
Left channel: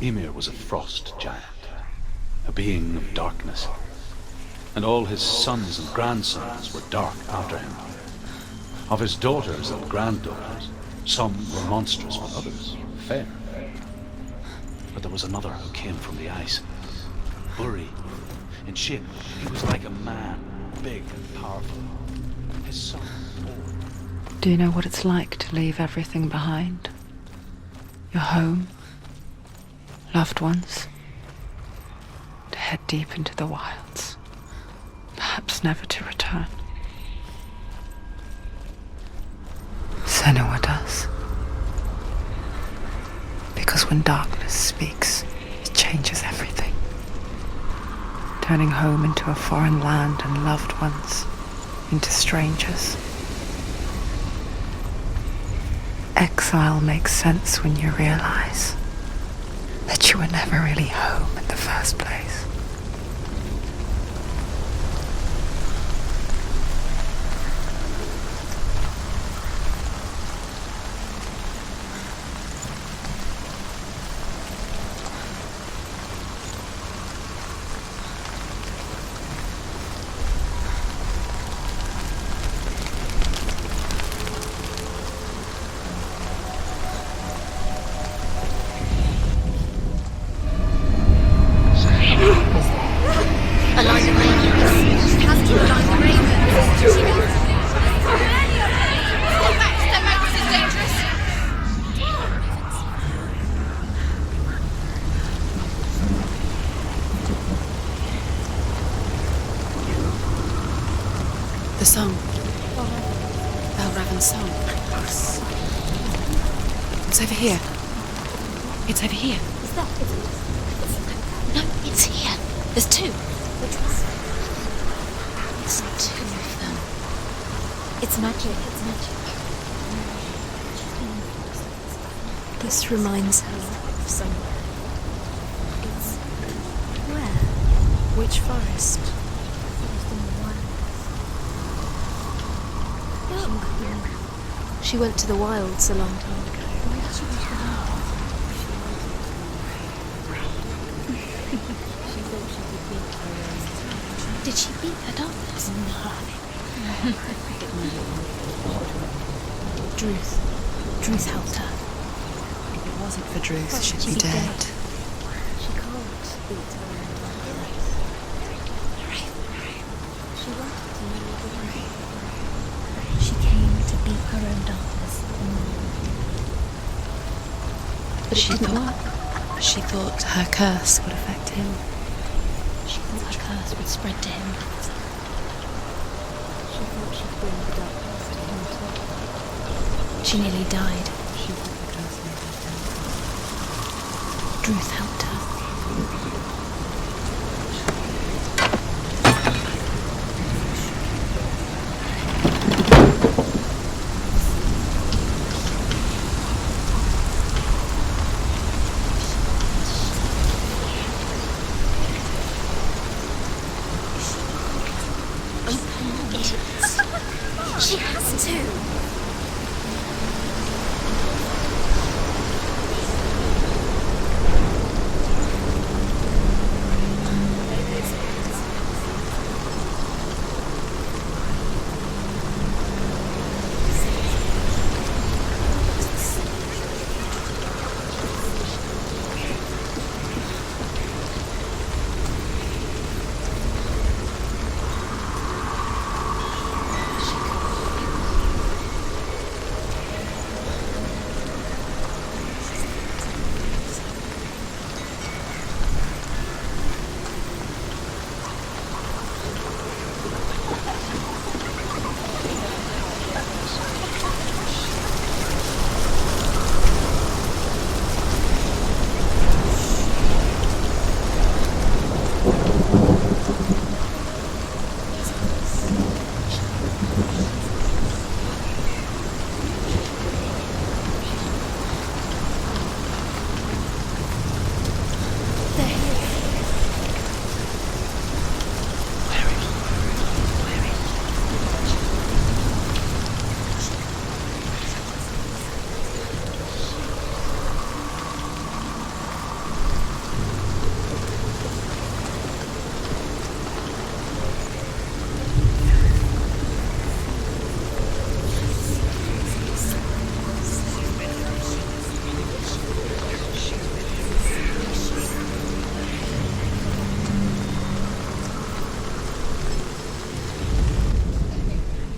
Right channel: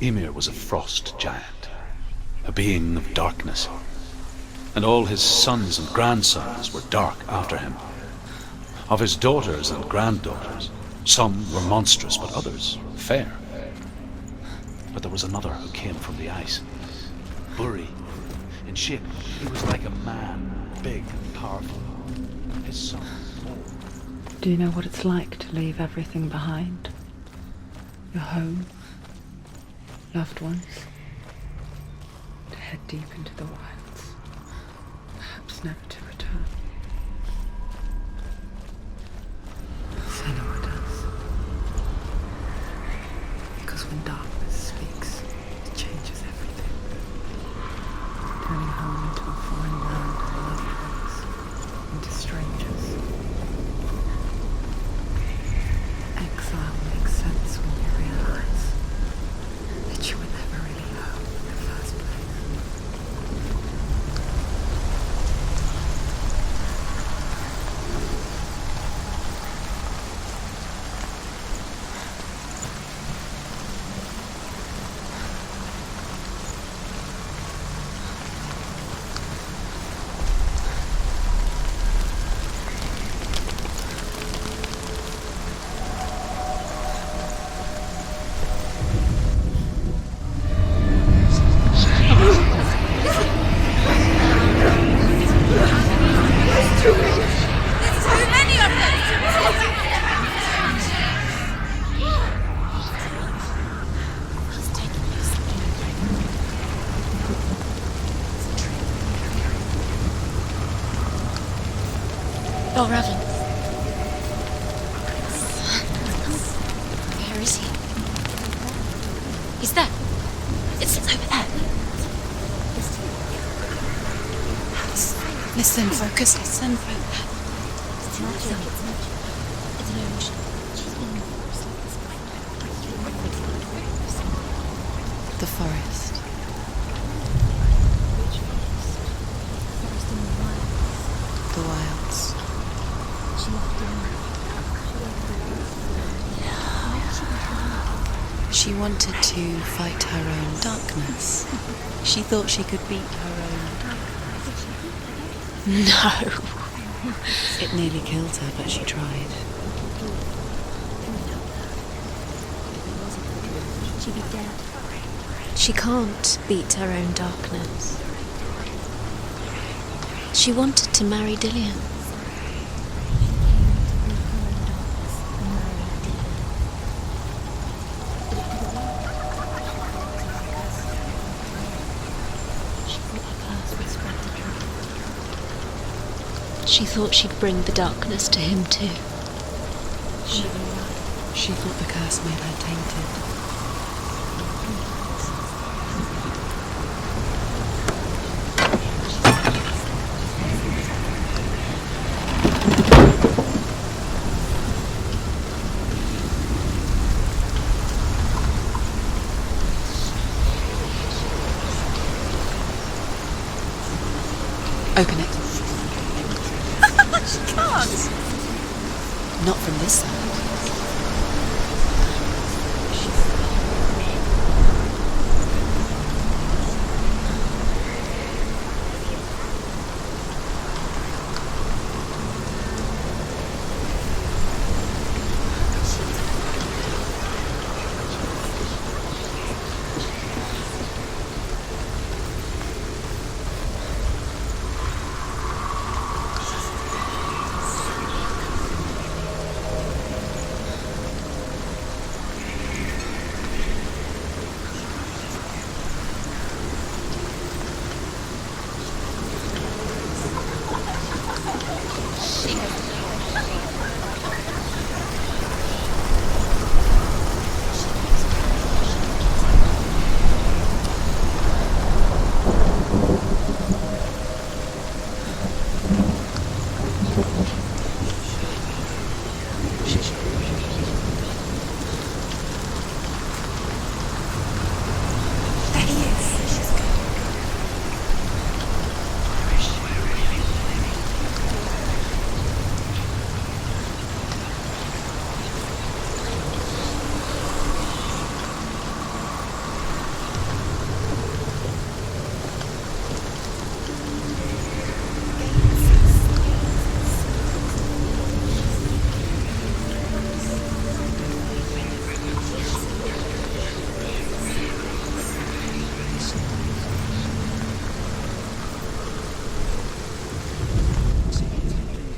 Ymir was a frost giant, a being of darkness, and all his sons and grandsons were dark after him. Of his daughters and granddaughters, some were monstrous, but others fair. But there was another who came from the ice. Uri. In shape, he was like a man, big and powerful. His son, old. Do you know what it's like to leave everything behind? Your home, loved ones, to head deep into the wilds, perhaps never to return. Senua does. Because when darkness speaks, it changes everything, turning home into a foreign land and loved ones into strangers. Exile makes sense when you realize that you were never really home in the first place. The song. Belraven's song. It's over here. It's over here. Is that? It's over there. No, it's here. There's two. Listen, focus, listen. It's magic. It's magic. This reminds her of somewhere. The forest. Where? Which forest? Forest in the wild. The wilds. She went to the wilds along here. She wanted to fight her own darkness. She thought she could beat her own. Did she beat the darkness? No! It nearly killed her, but she tried. Druth helped her. If it wasn't for Druth, she'd be dead. She can't beat her own darkness. She wanted to marry Dillian. She came to beat her own darkness and marry Dillian. But it didn't work. She thought her curse would affect him. She thought her curse would spread to him. She thought she'd bring the darkness to him too. She nearly died. She thought the curse made her tainted. Druth helped her. Open it. She has to. Not from this side.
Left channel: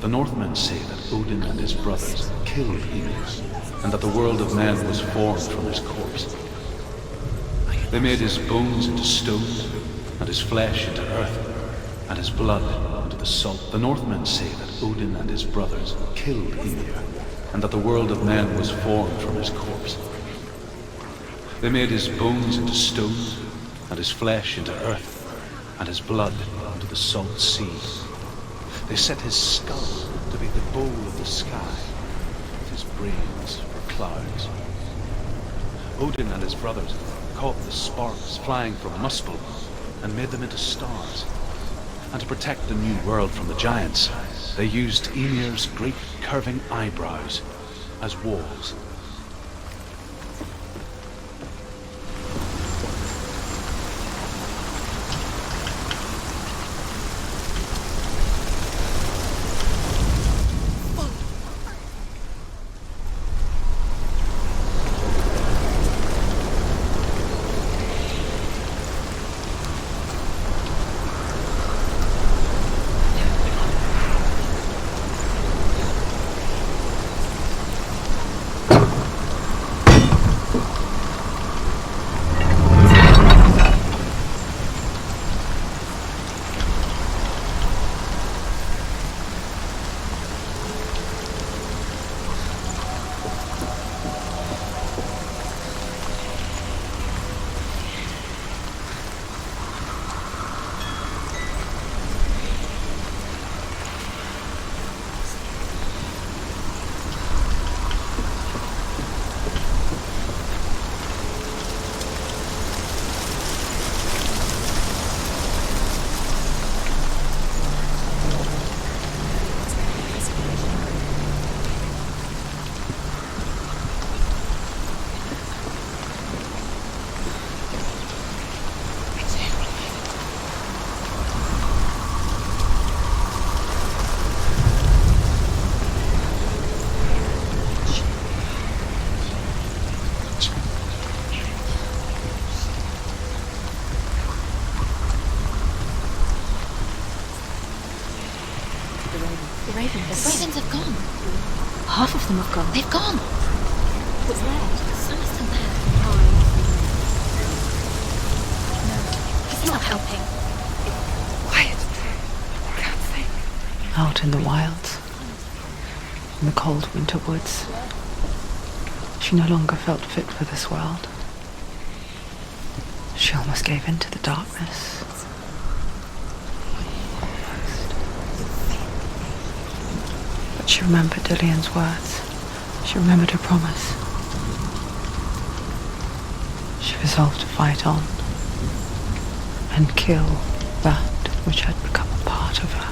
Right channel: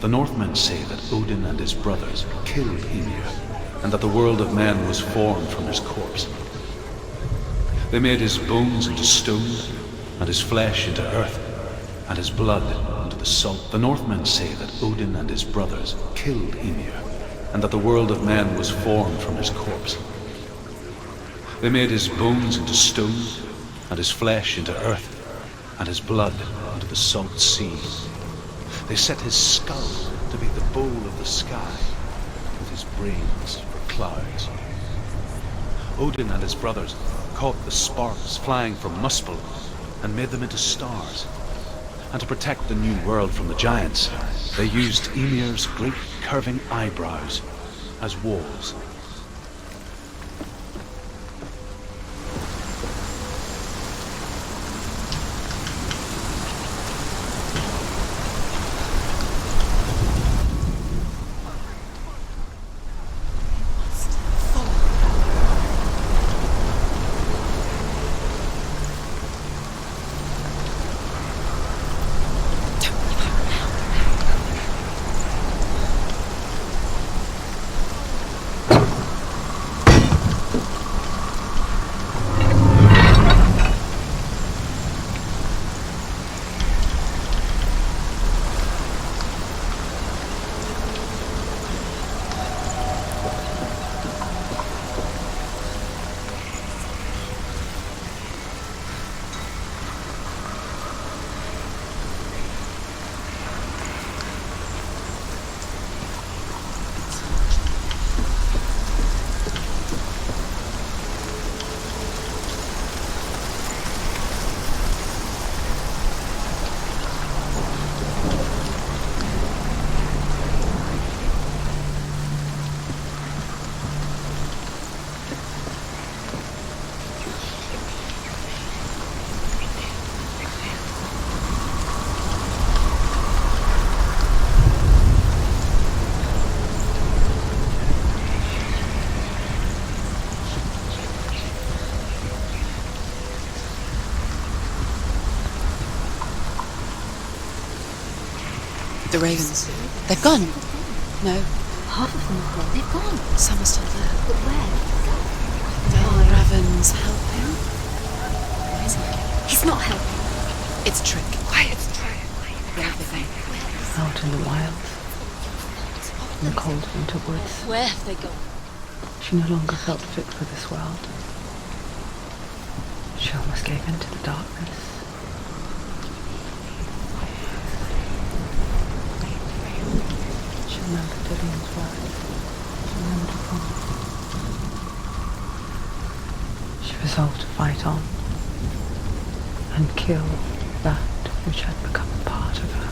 The Northmen say that Odin and his brothers killed Ymir, and that the world of men was formed from his corpse. They made his bones into stone, and his flesh into earth, and his blood into the salt. The Northmen say that Odin and his brothers killed Ymir, and that the world of men was formed from his corpse. They made his bones into stone, and his flesh into earth, and his blood into the salt sea. They set his skull to be the bowl of the sky, with his brains for clouds. Odin and his brothers caught the sparks flying from Muspel and made them into stars. And to protect the new world from the giants, they used Ymir's great curving eyebrows as walls. The ravens. The ravens. They've gone. They've gone. No. Half of them have gone. They've gone. Some are still there. But where? Some of them have. Oh, ravens. He's not helping. It's a trick. Quiet. I can't think. Out in the wilds, in the cold winter woods, Where have they gone? she no longer felt fit for this world. She almost gave in to the darkness. But she remembered Dillian's words. She remembered her promise. She resolved to fight on and kill that which had become a part of her.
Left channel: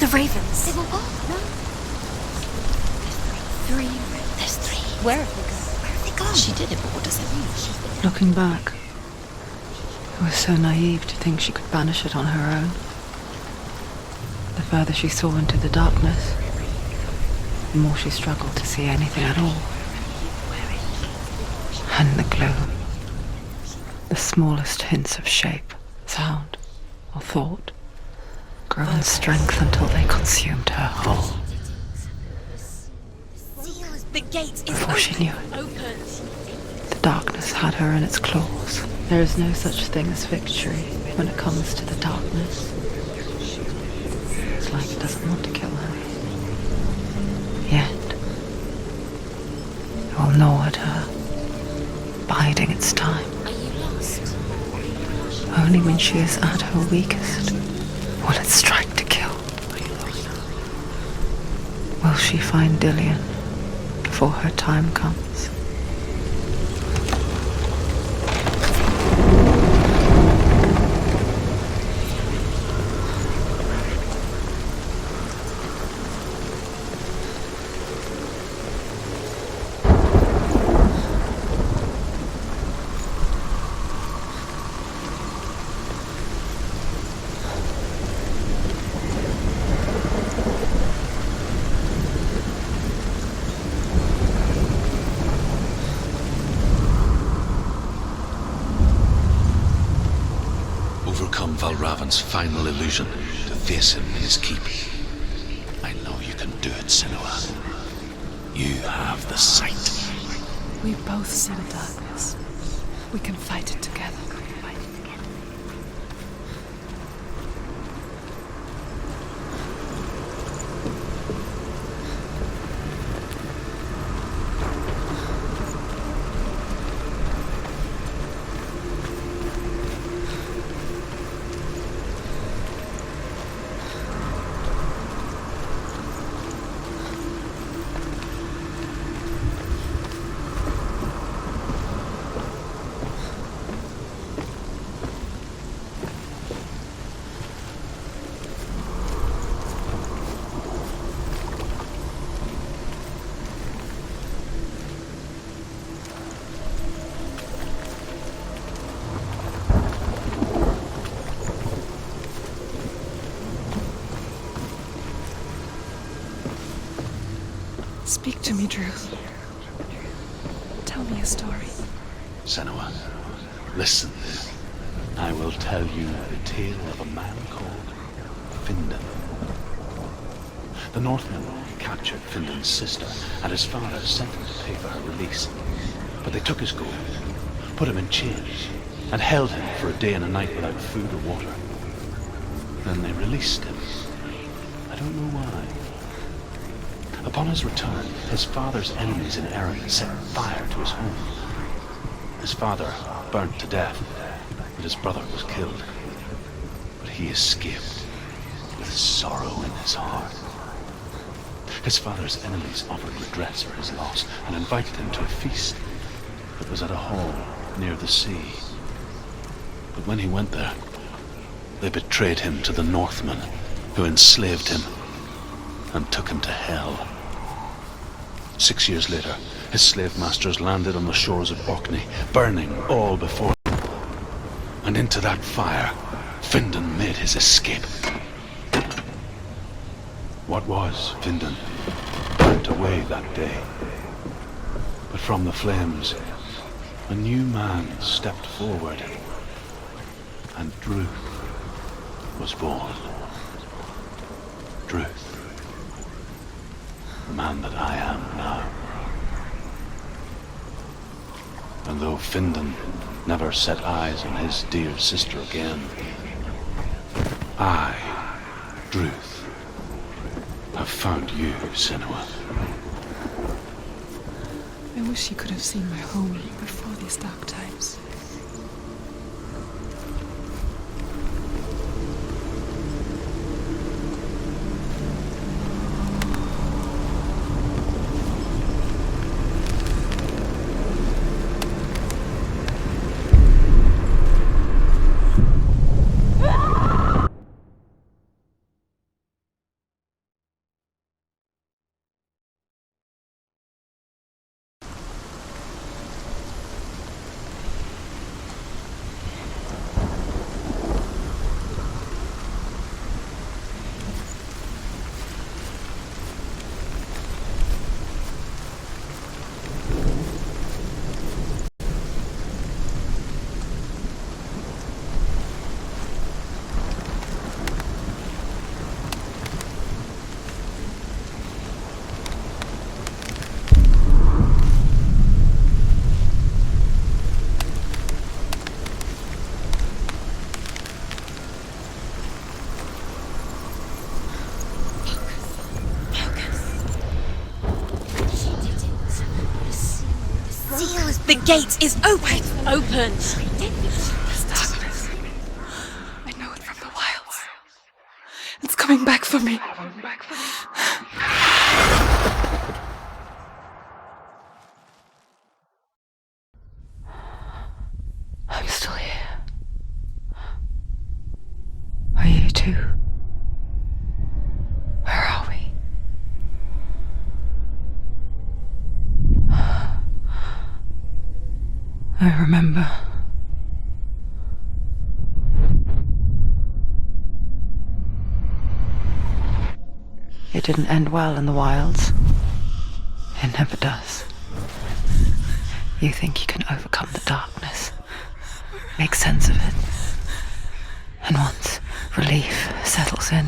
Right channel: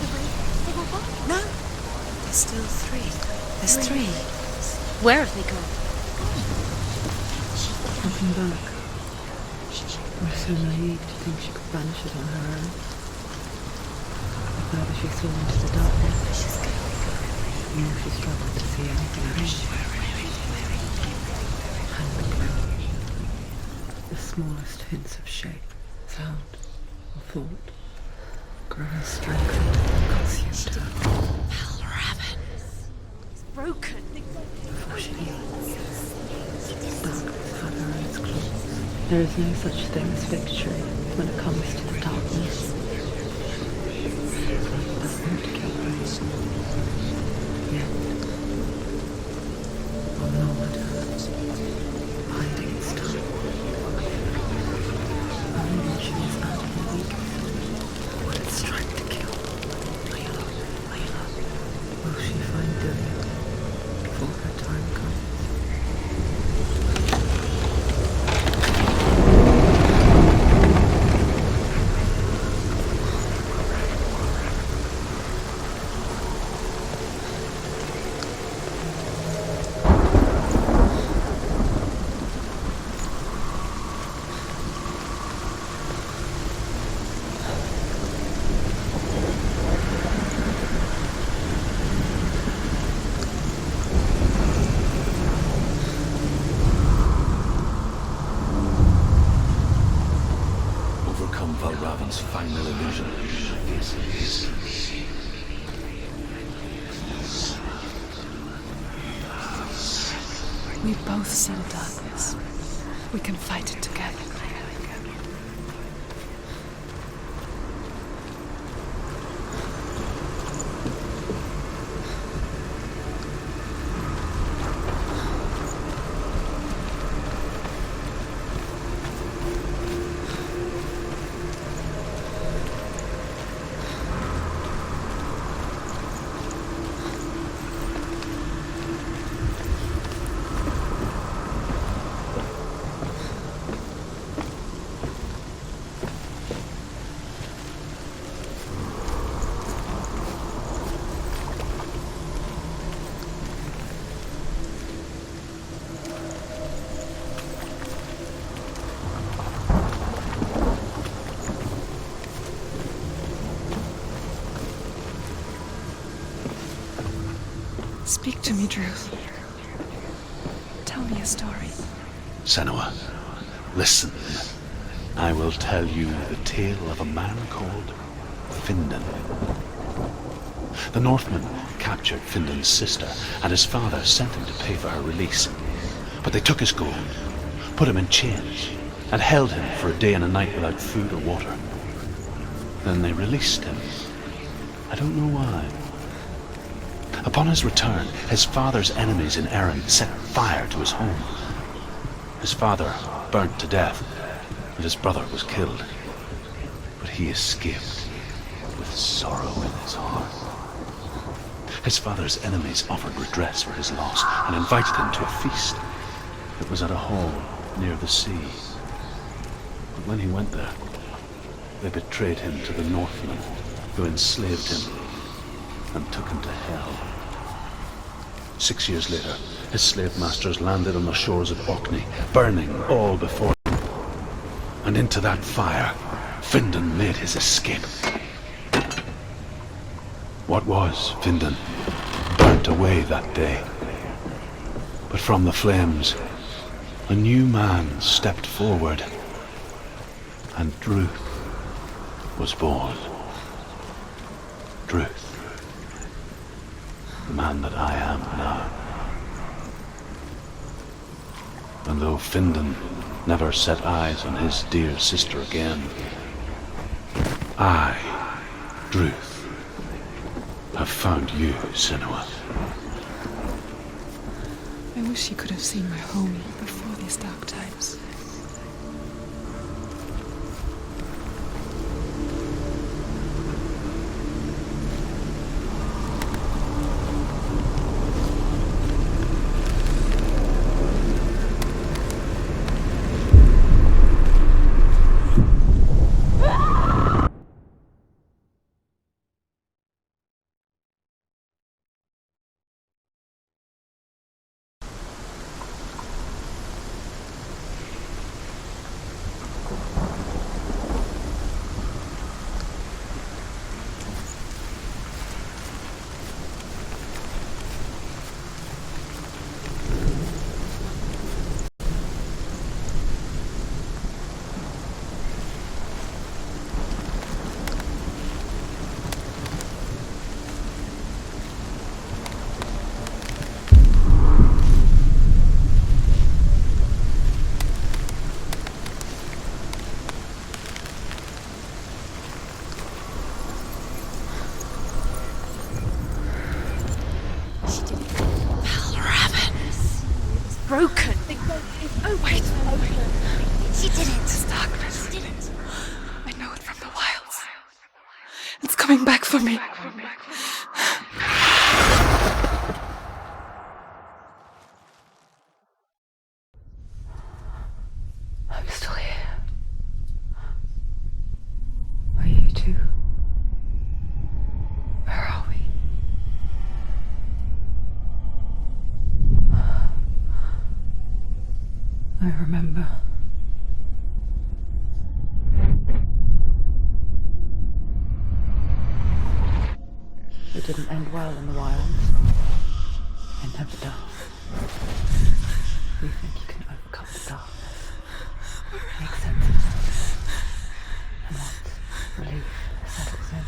The ravens. They've all gone. No. Still three. There's three. There's three. Where have they gone? They've gone. She did it. What does it mean? Looking back, I was so naive to think she could banish it on her own. The further she saw into the darkness, the more she struggled to see anything at all. And the gloom, the smallest hints of shape, sound, or thought, grew in strength until they consumed her whole. Broke. The gate is Before she knew it, the darkness had her in its claws. There is no such thing as victory when it comes to the darkness. It's like it doesn't want to kill her. Yet, it will gnaw at her, biding its time. Only when she is at her weakest will it strike to kill. Will she find Dillian before her time comes? overcome Valravan's final illusion to face him in his keep. I know you can do it, Senua. You have the sight. We both see the darkness. We can fight it together. Speak to me, Druth. Tell me a story. Senua, listen. I will tell you the tale of a man called Findan. The Northmen captured Findan's sister, and his father sent him to pay for her release. But they took his gold, put him in chains, and held him for a day and a night without food or water. Then they released him. I don't know why. Upon his return, his father's enemies in Erin set fire to his home. His father burnt to death, and his brother was killed. But he escaped with sorrow in his heart. His father's enemies offered redress for his loss and invited him to a feast that was at a hall near the sea. But when he went there, they betrayed him to the Northmen, who enslaved him and took him to hell. 6 years later, his slave masters landed on the shores of Orkney, burning all before them. And into that fire, Findan made his escape. What was Findan burnt away that day. But from the flames, a new man stepped forward, and Druth was born. Druth. The man that I am now. And though Findan never set eyes on his dear sister again, I, Druth, have found you, Senua. I wish you could have seen my home before these dark times. The gate is open! Open! This darkness. I know it from the wilds. It's coming back for me. I'm still here. Are you too? Where are we? I remember. It didn't end well in the wilds. It never does. You think you can overcome the darkness, make sense of it, And once relief settles in,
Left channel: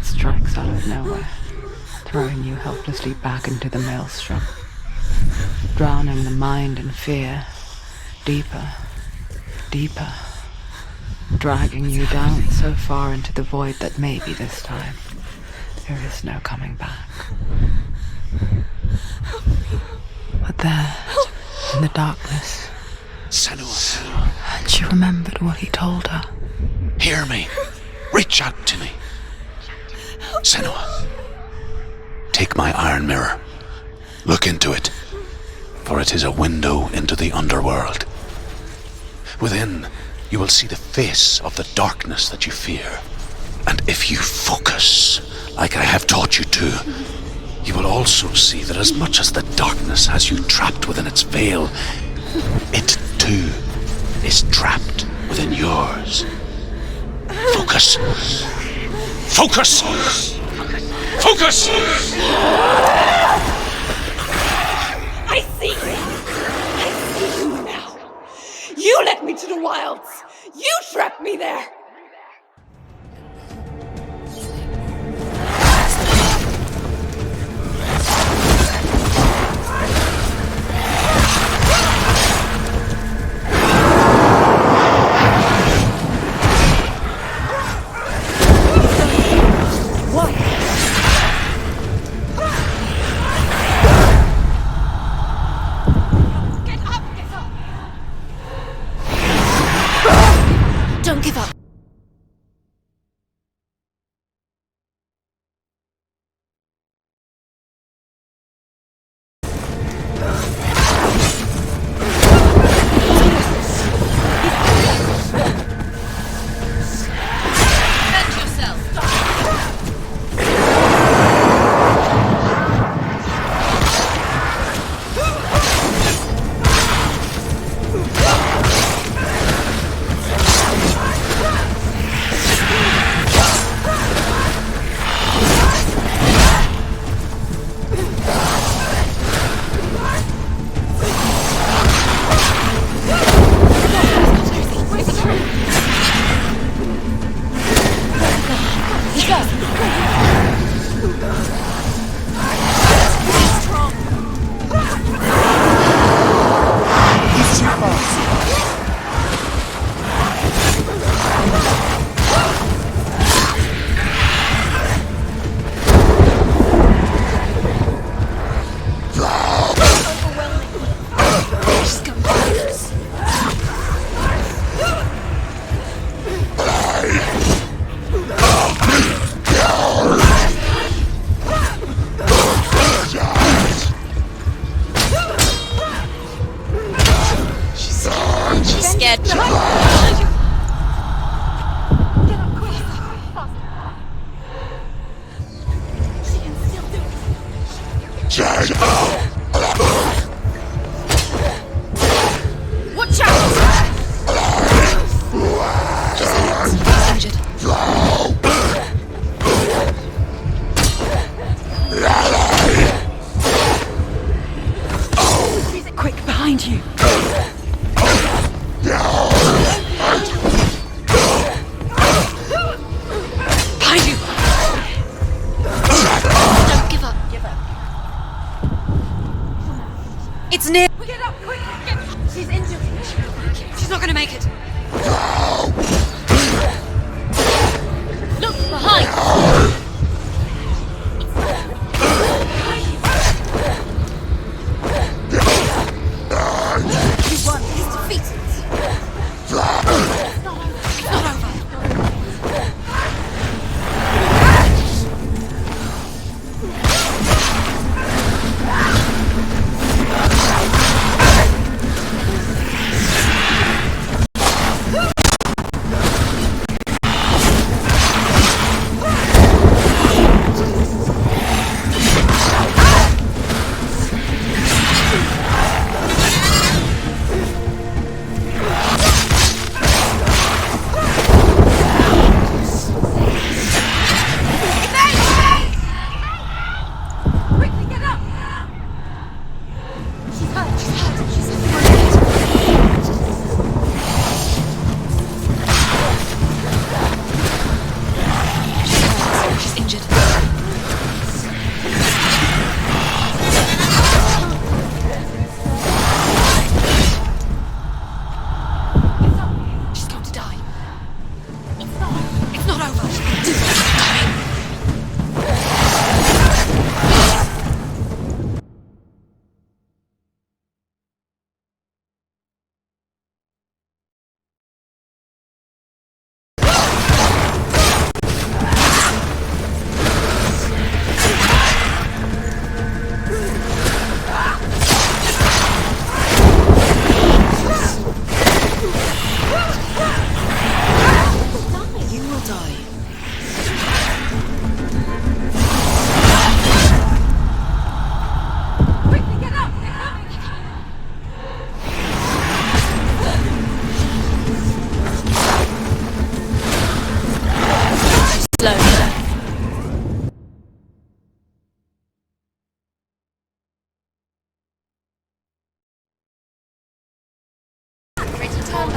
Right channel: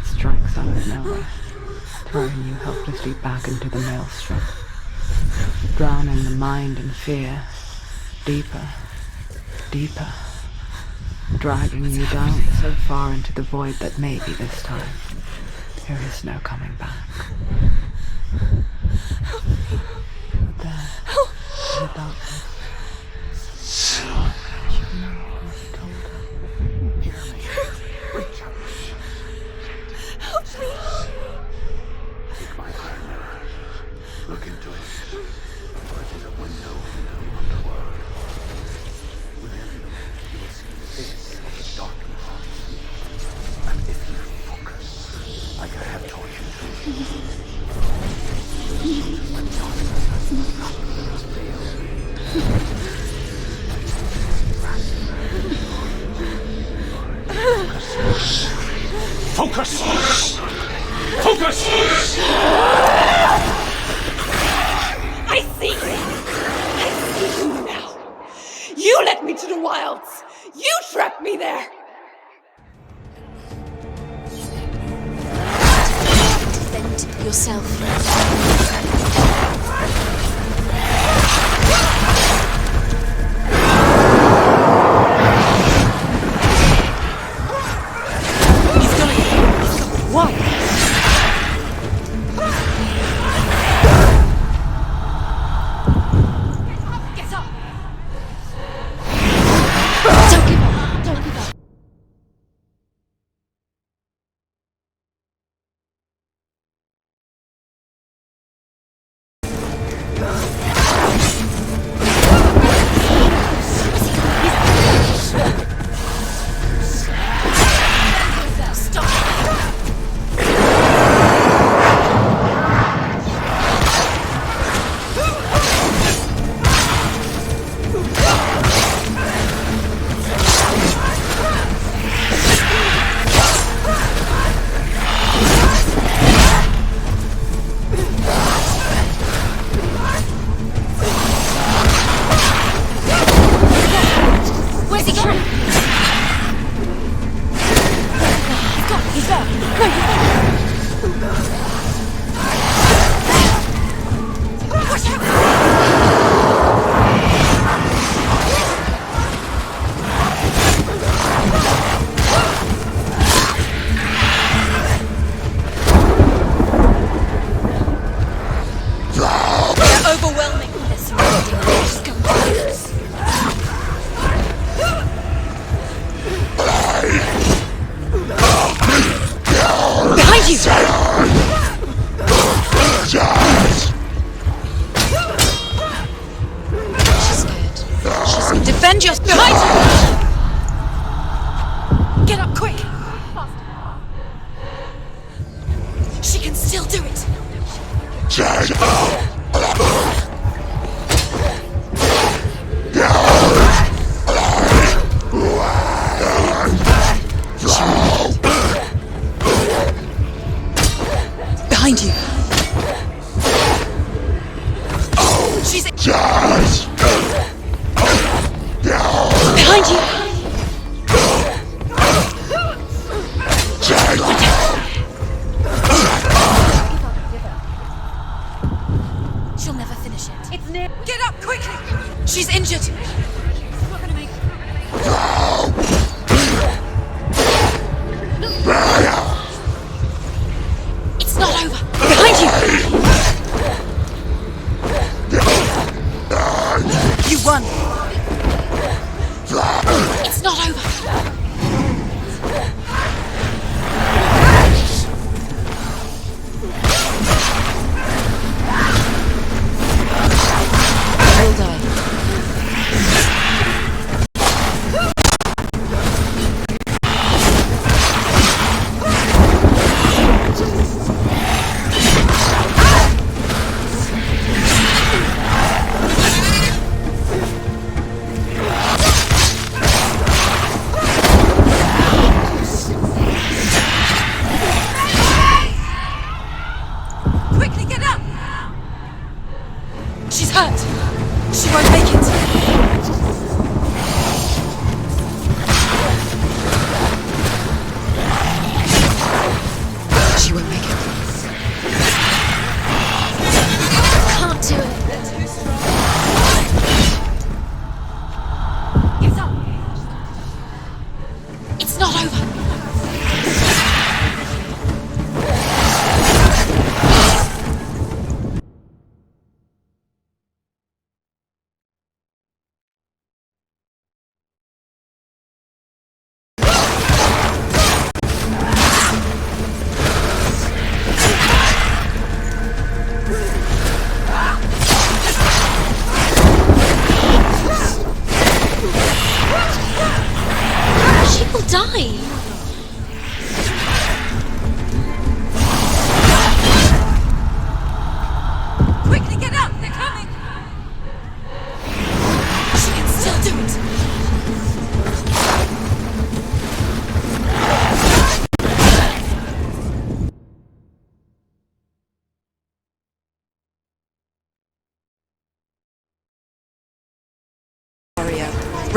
it strikes out of nowhere, throwing you helplessly back into the maelstrom, drowning the mind in fear, deeper, deeper, dragging you down so far into the void that maybe this time there is no coming back. But there, in the darkness, Senua, she remembered what he told her. hear me. Reach out to me. Senua, take my iron mirror. Look into it, for it is a window into the underworld. Within, you will see the face of the darkness that you fear. And if you focus, like I have taught you to, you will also see that as much as the darkness has you trapped within its veil, it too is trapped within yours. Focus. Focus! Focus! I see you! I see you now! You led me to the wilds! You trapped me there! Defend yourself. Don't give up.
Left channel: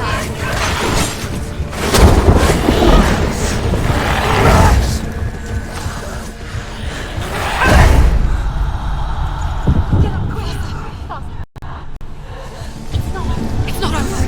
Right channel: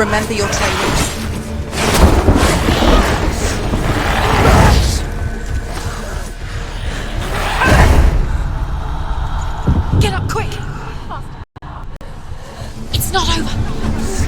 Remember your training. Get up quick! It's not over. It's not over.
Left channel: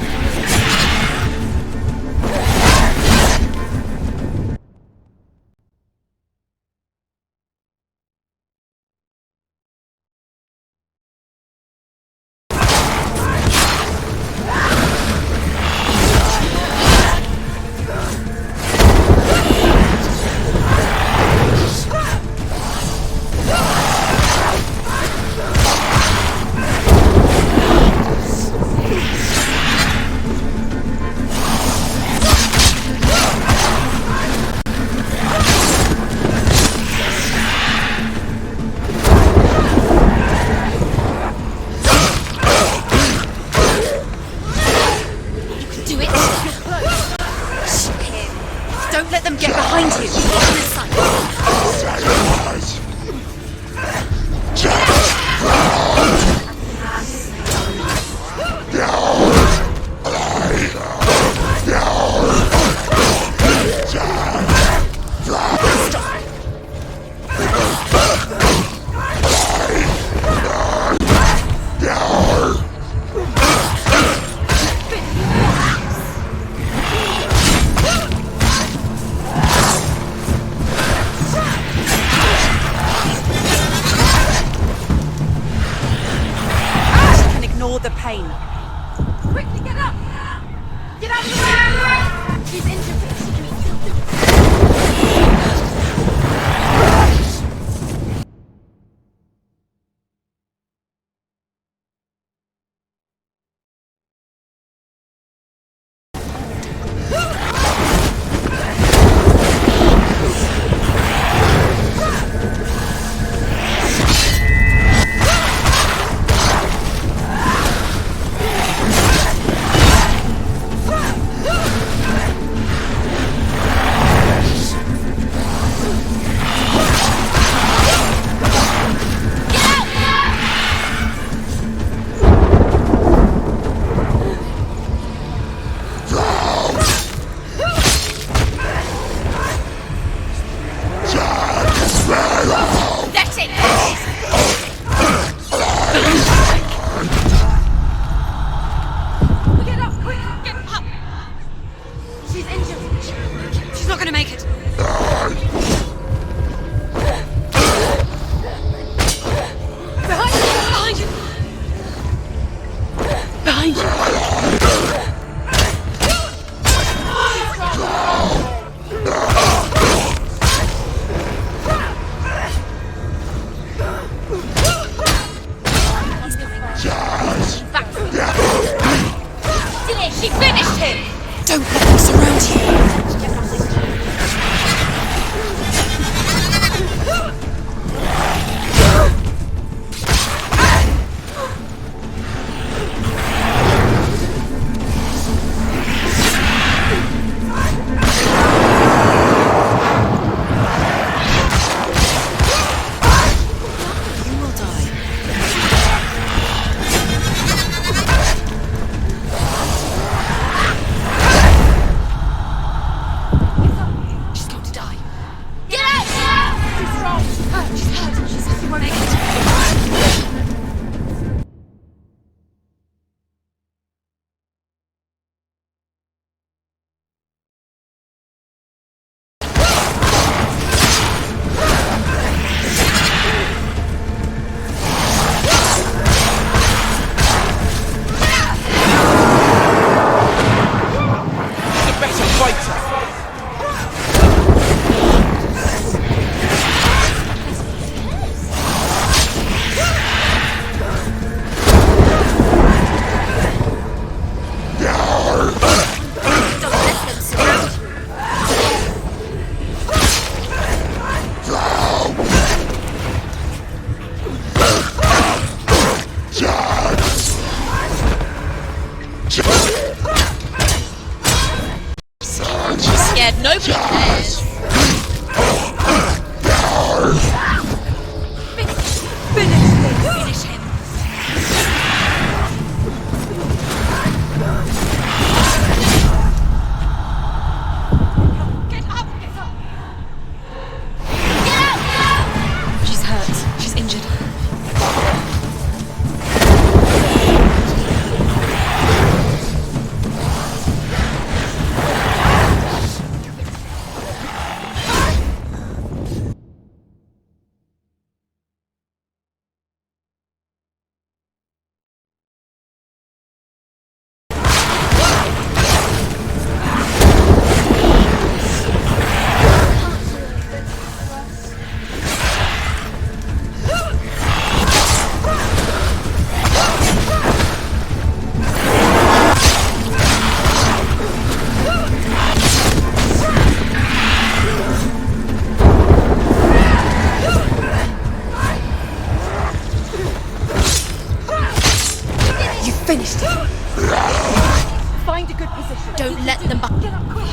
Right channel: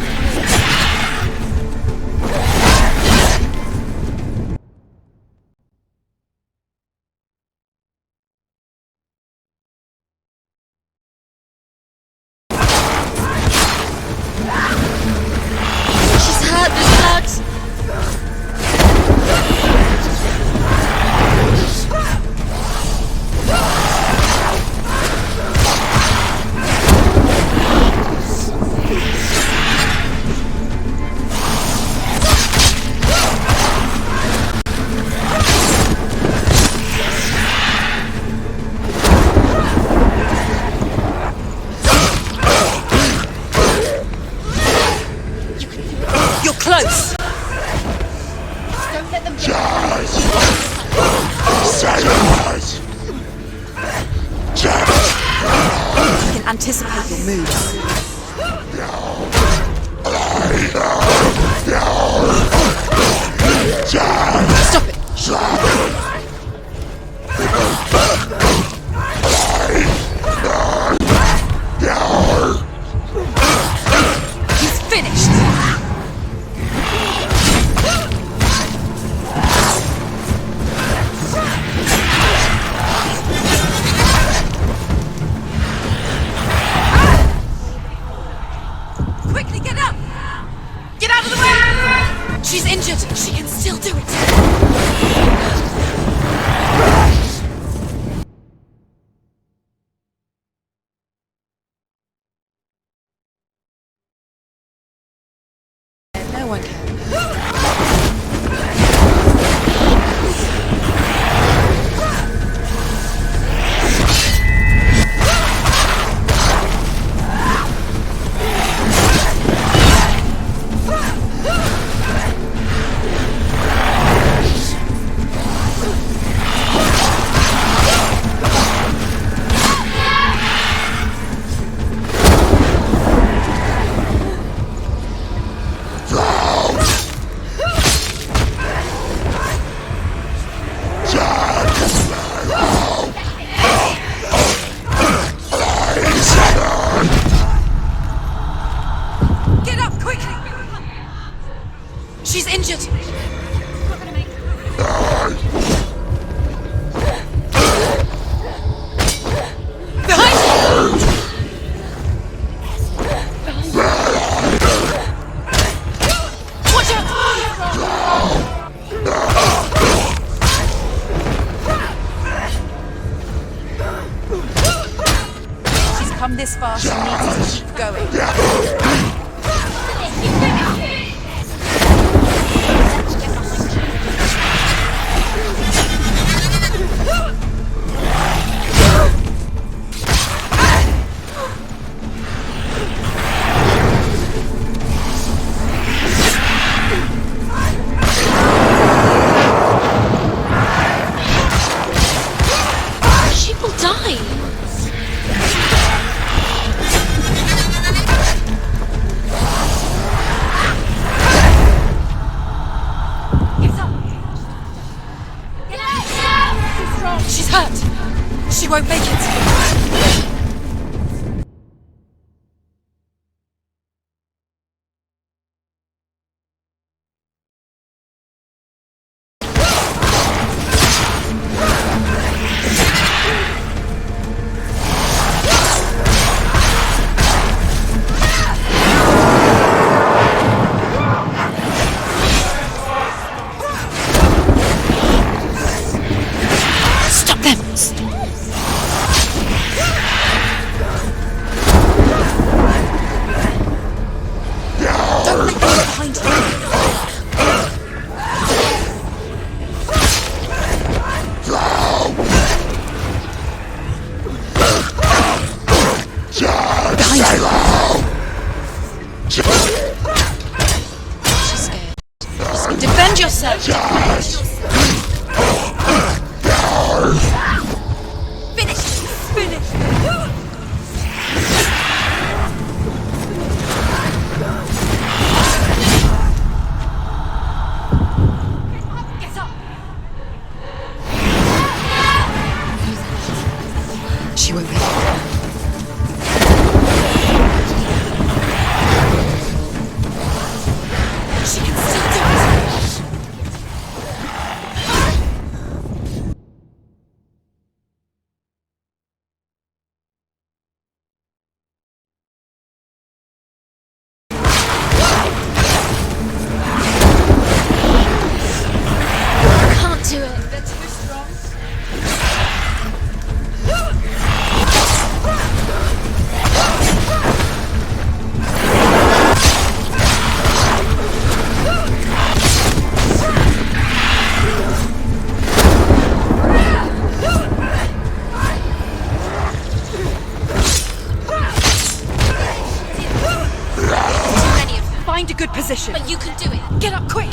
position. But you Don't can let do them it. up. Get up quick.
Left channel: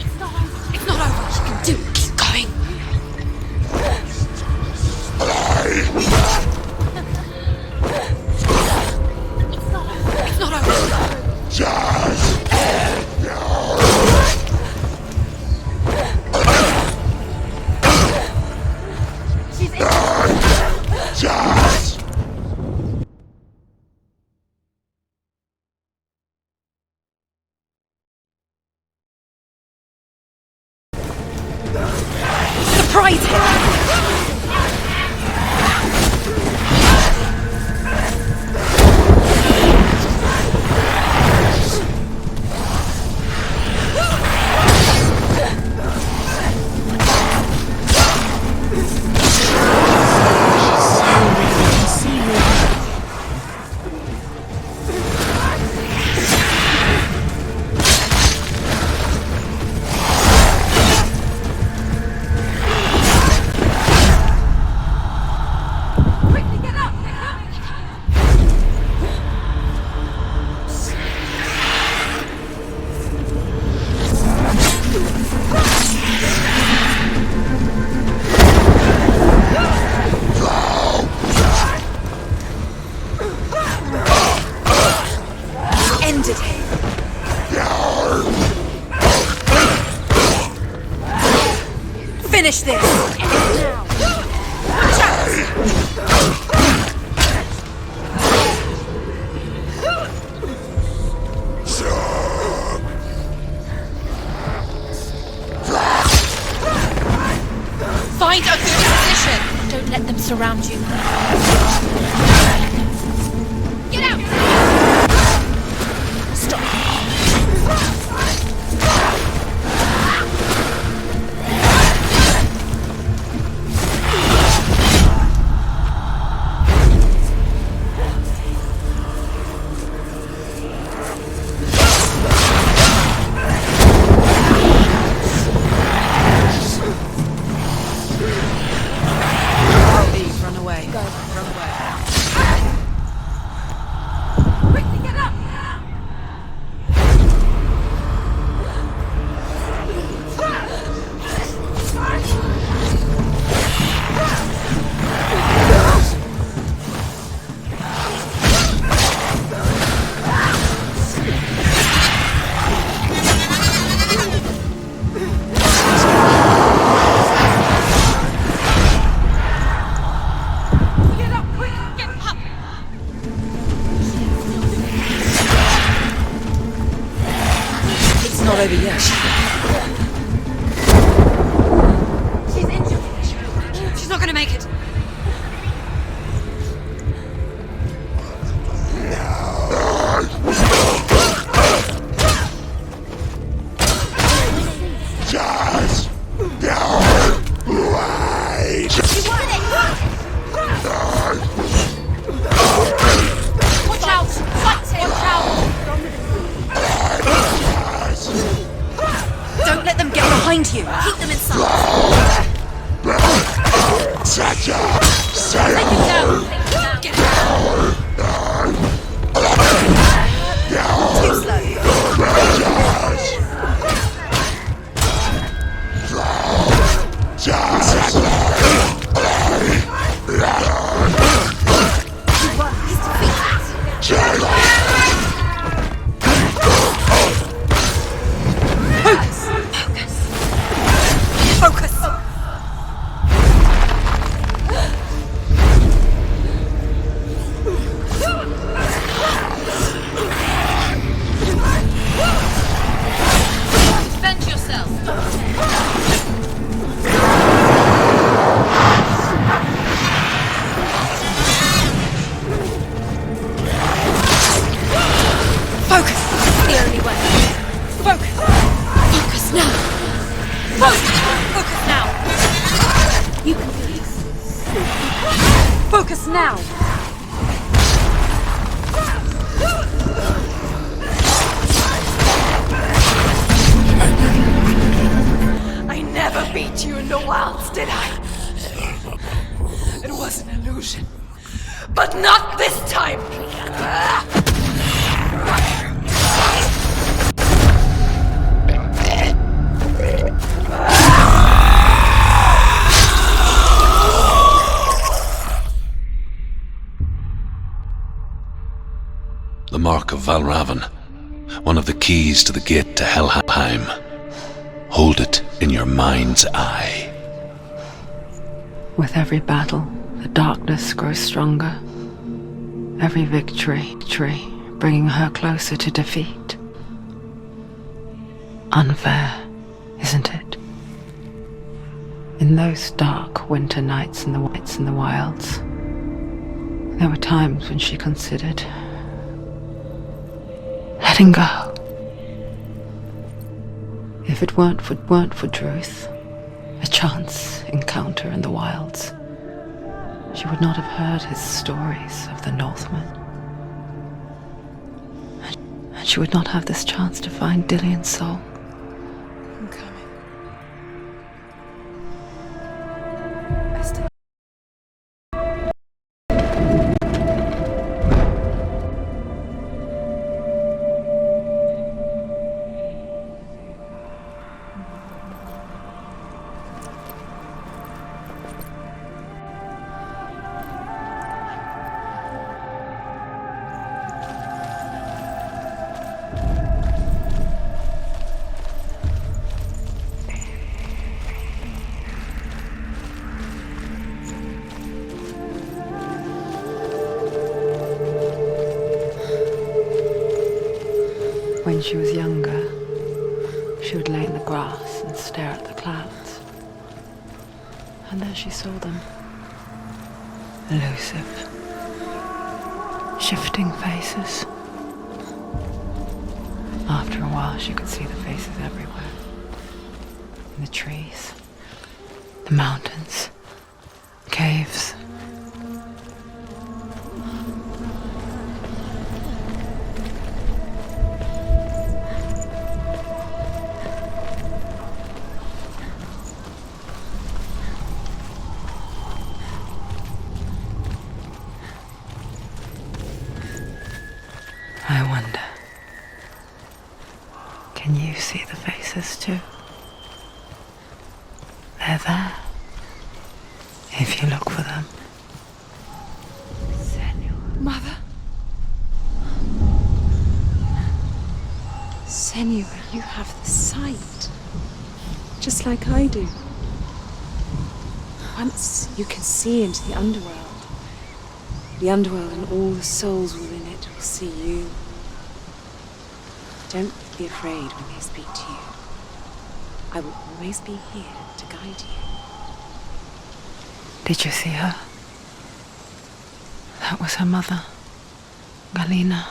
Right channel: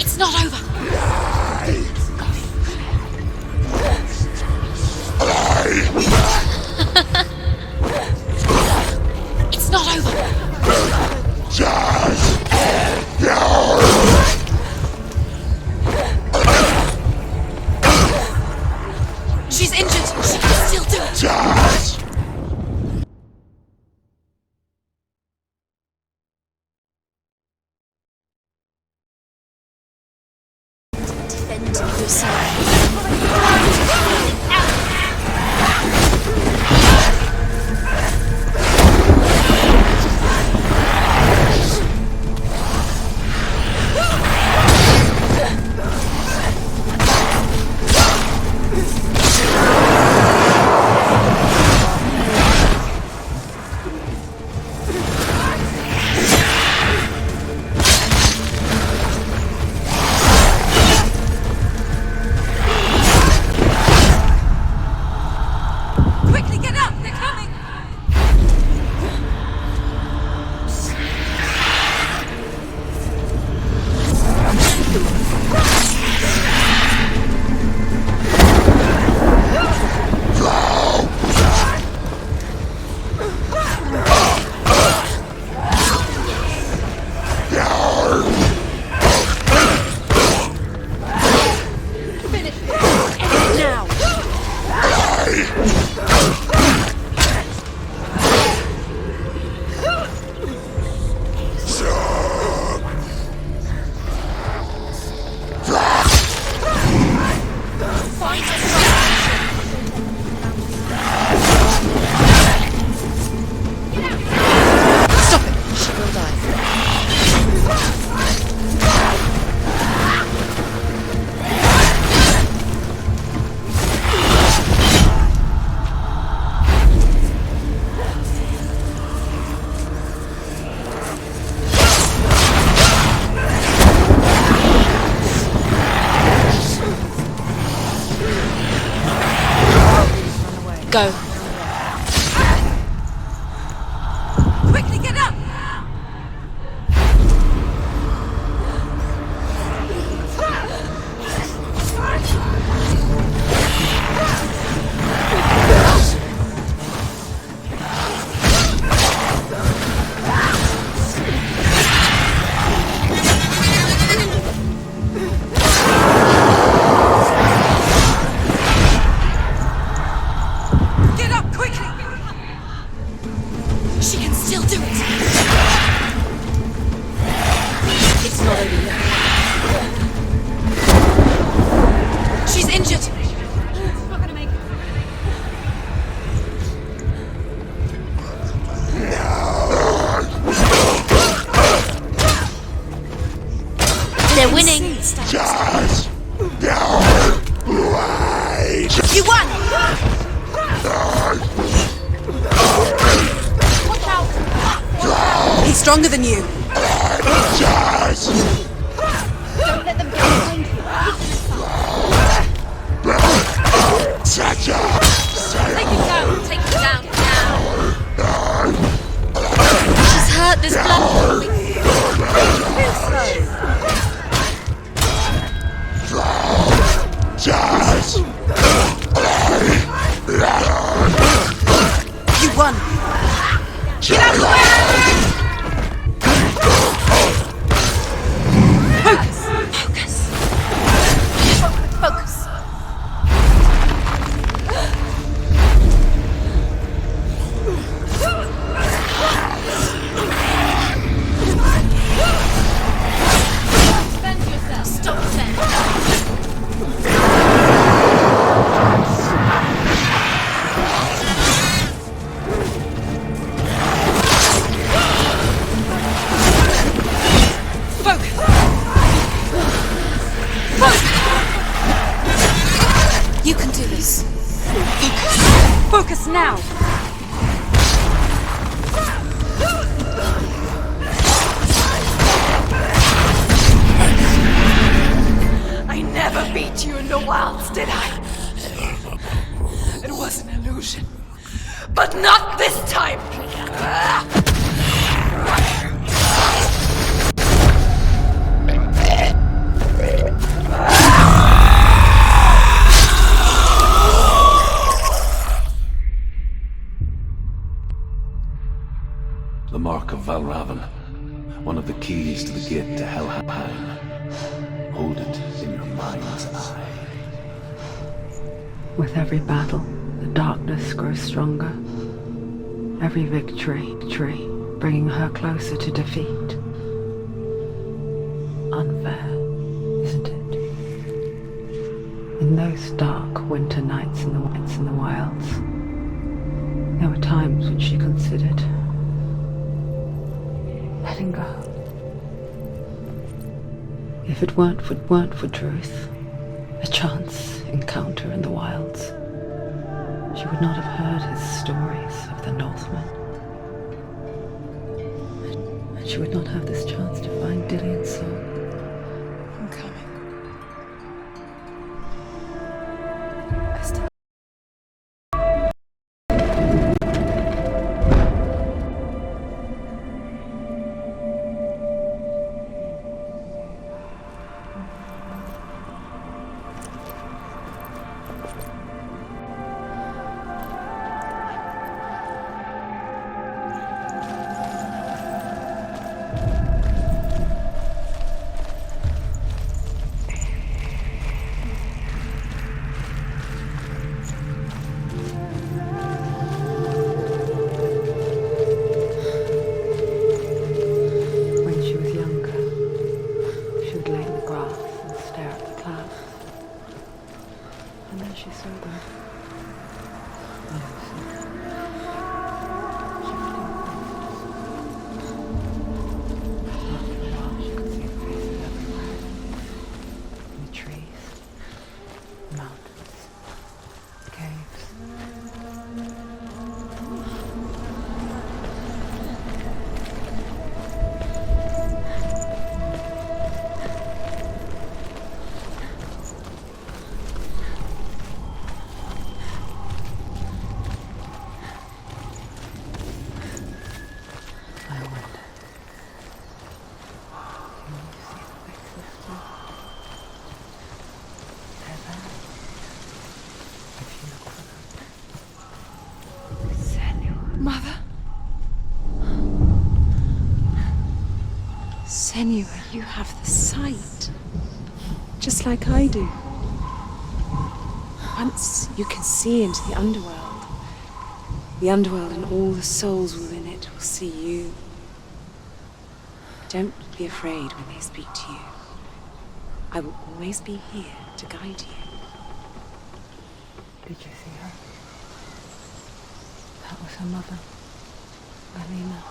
It's not over. It's not over. Do it. Keep going. It's not over. It's not over. She's injured. She can still do it. Quickly get up. They're coming. Ended it. Finish this. End it now. Find a position. Don't let them surround you. Get out. Run away. Go. Quickly get up. Get up quickly. Get up. She can still do it. It's not over yet. She's injured. She's not going to make it. They're winning. You won. Watch out. He's stronger than you. Don't let them get behind you. Keep them inside. Take him down. Take him down. Get down. She's hurt. There's You won. Focus. Focus. Defend yourself. Stop them. Focus. Focus. Focus now. You can do this. Focus now. I never beat you in the wilds, did I? It was an illusion. But not this time! Valravan, one of the keys to the gate to Helheim. Hold it in your mind's eye. With every battle, the darkness grows stronger. Every victory, bringing her closer to defeat. Unfair, isn't it? In those dark winter nights in the wilds, there were times when she considered letting go. If it weren't for Druth, a chance encounter in the wilds, she would not have heard his stories of the Northmen. And she would not have this chance to find Dillion's soul. I'm coming. When she was younger, she would lay in the grass and stare at the clouds. And then she saw them. Elusive, shifting faces. After a while, she could see the faces everywhere. In the trees, the mountains, caves. I wonder, can you see the faces too? They're there, if you look for them. Senua. Mother? Senua, you have the sight. Just like I do. Once you can see into the underworld. The underworld and all the souls within it will see you. Don't be afraid when they speak to you. I will always be here to guide you. Did you see her? That was her mother, Melina.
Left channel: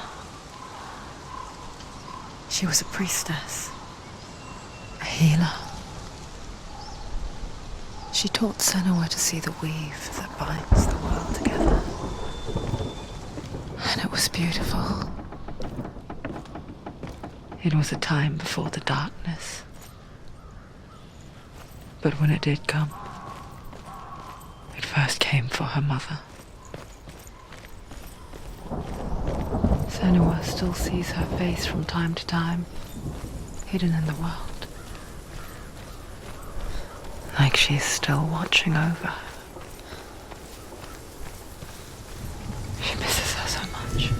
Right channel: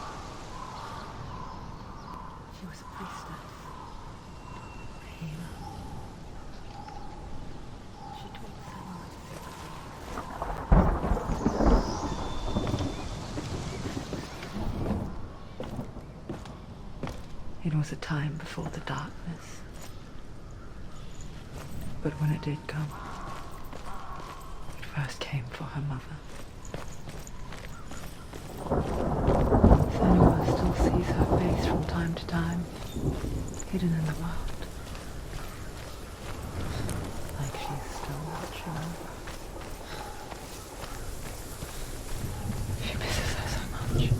She was a priestess, a healer. She taught Senua to see the weave that binds the world together. And it was beautiful. It was a time before the darkness. But when it did come, it first came for her mother. Senua still sees her face from time to time, hidden in the world. Like she's still watching over her. She misses her so much.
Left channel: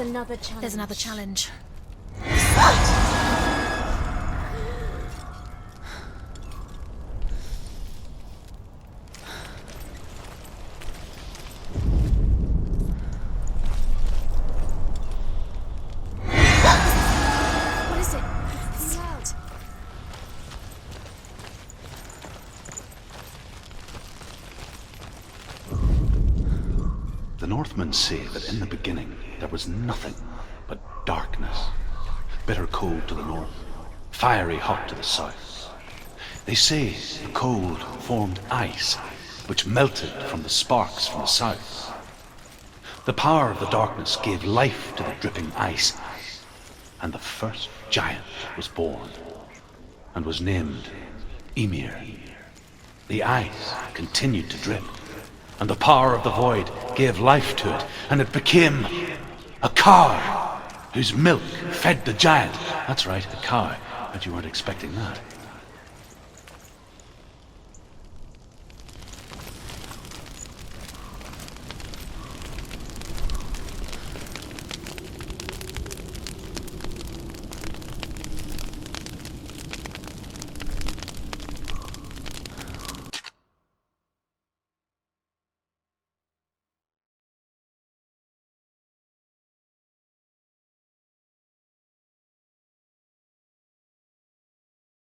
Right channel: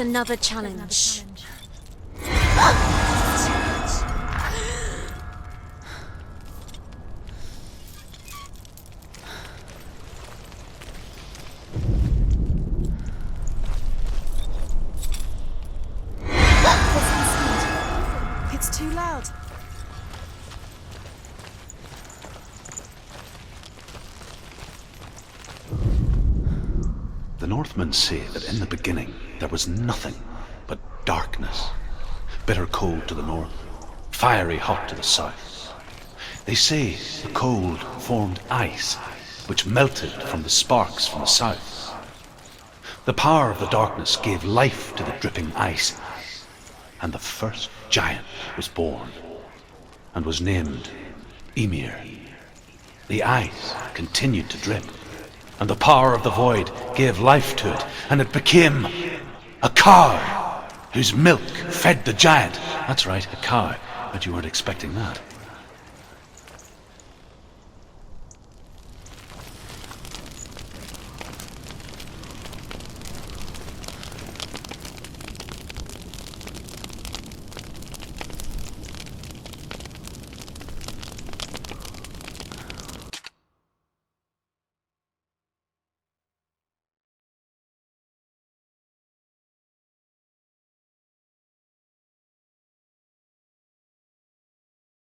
There's another challenge. There's another challenge. Listen, it's too loud. The Northmen say that in the beginning there was nothing but darkness. Bitter cold to the north, fiery hot to the south. They say the cold formed ice, which melted from the sparks from the south. The power of the darkness gave life to the dripping ice, and the first giant was born, and was named Ymir. The ice continued to drip, and the power of the void gave life to it, and it became a cow whose milk fed the giant. That's right, a cow. Bet you weren't expecting that.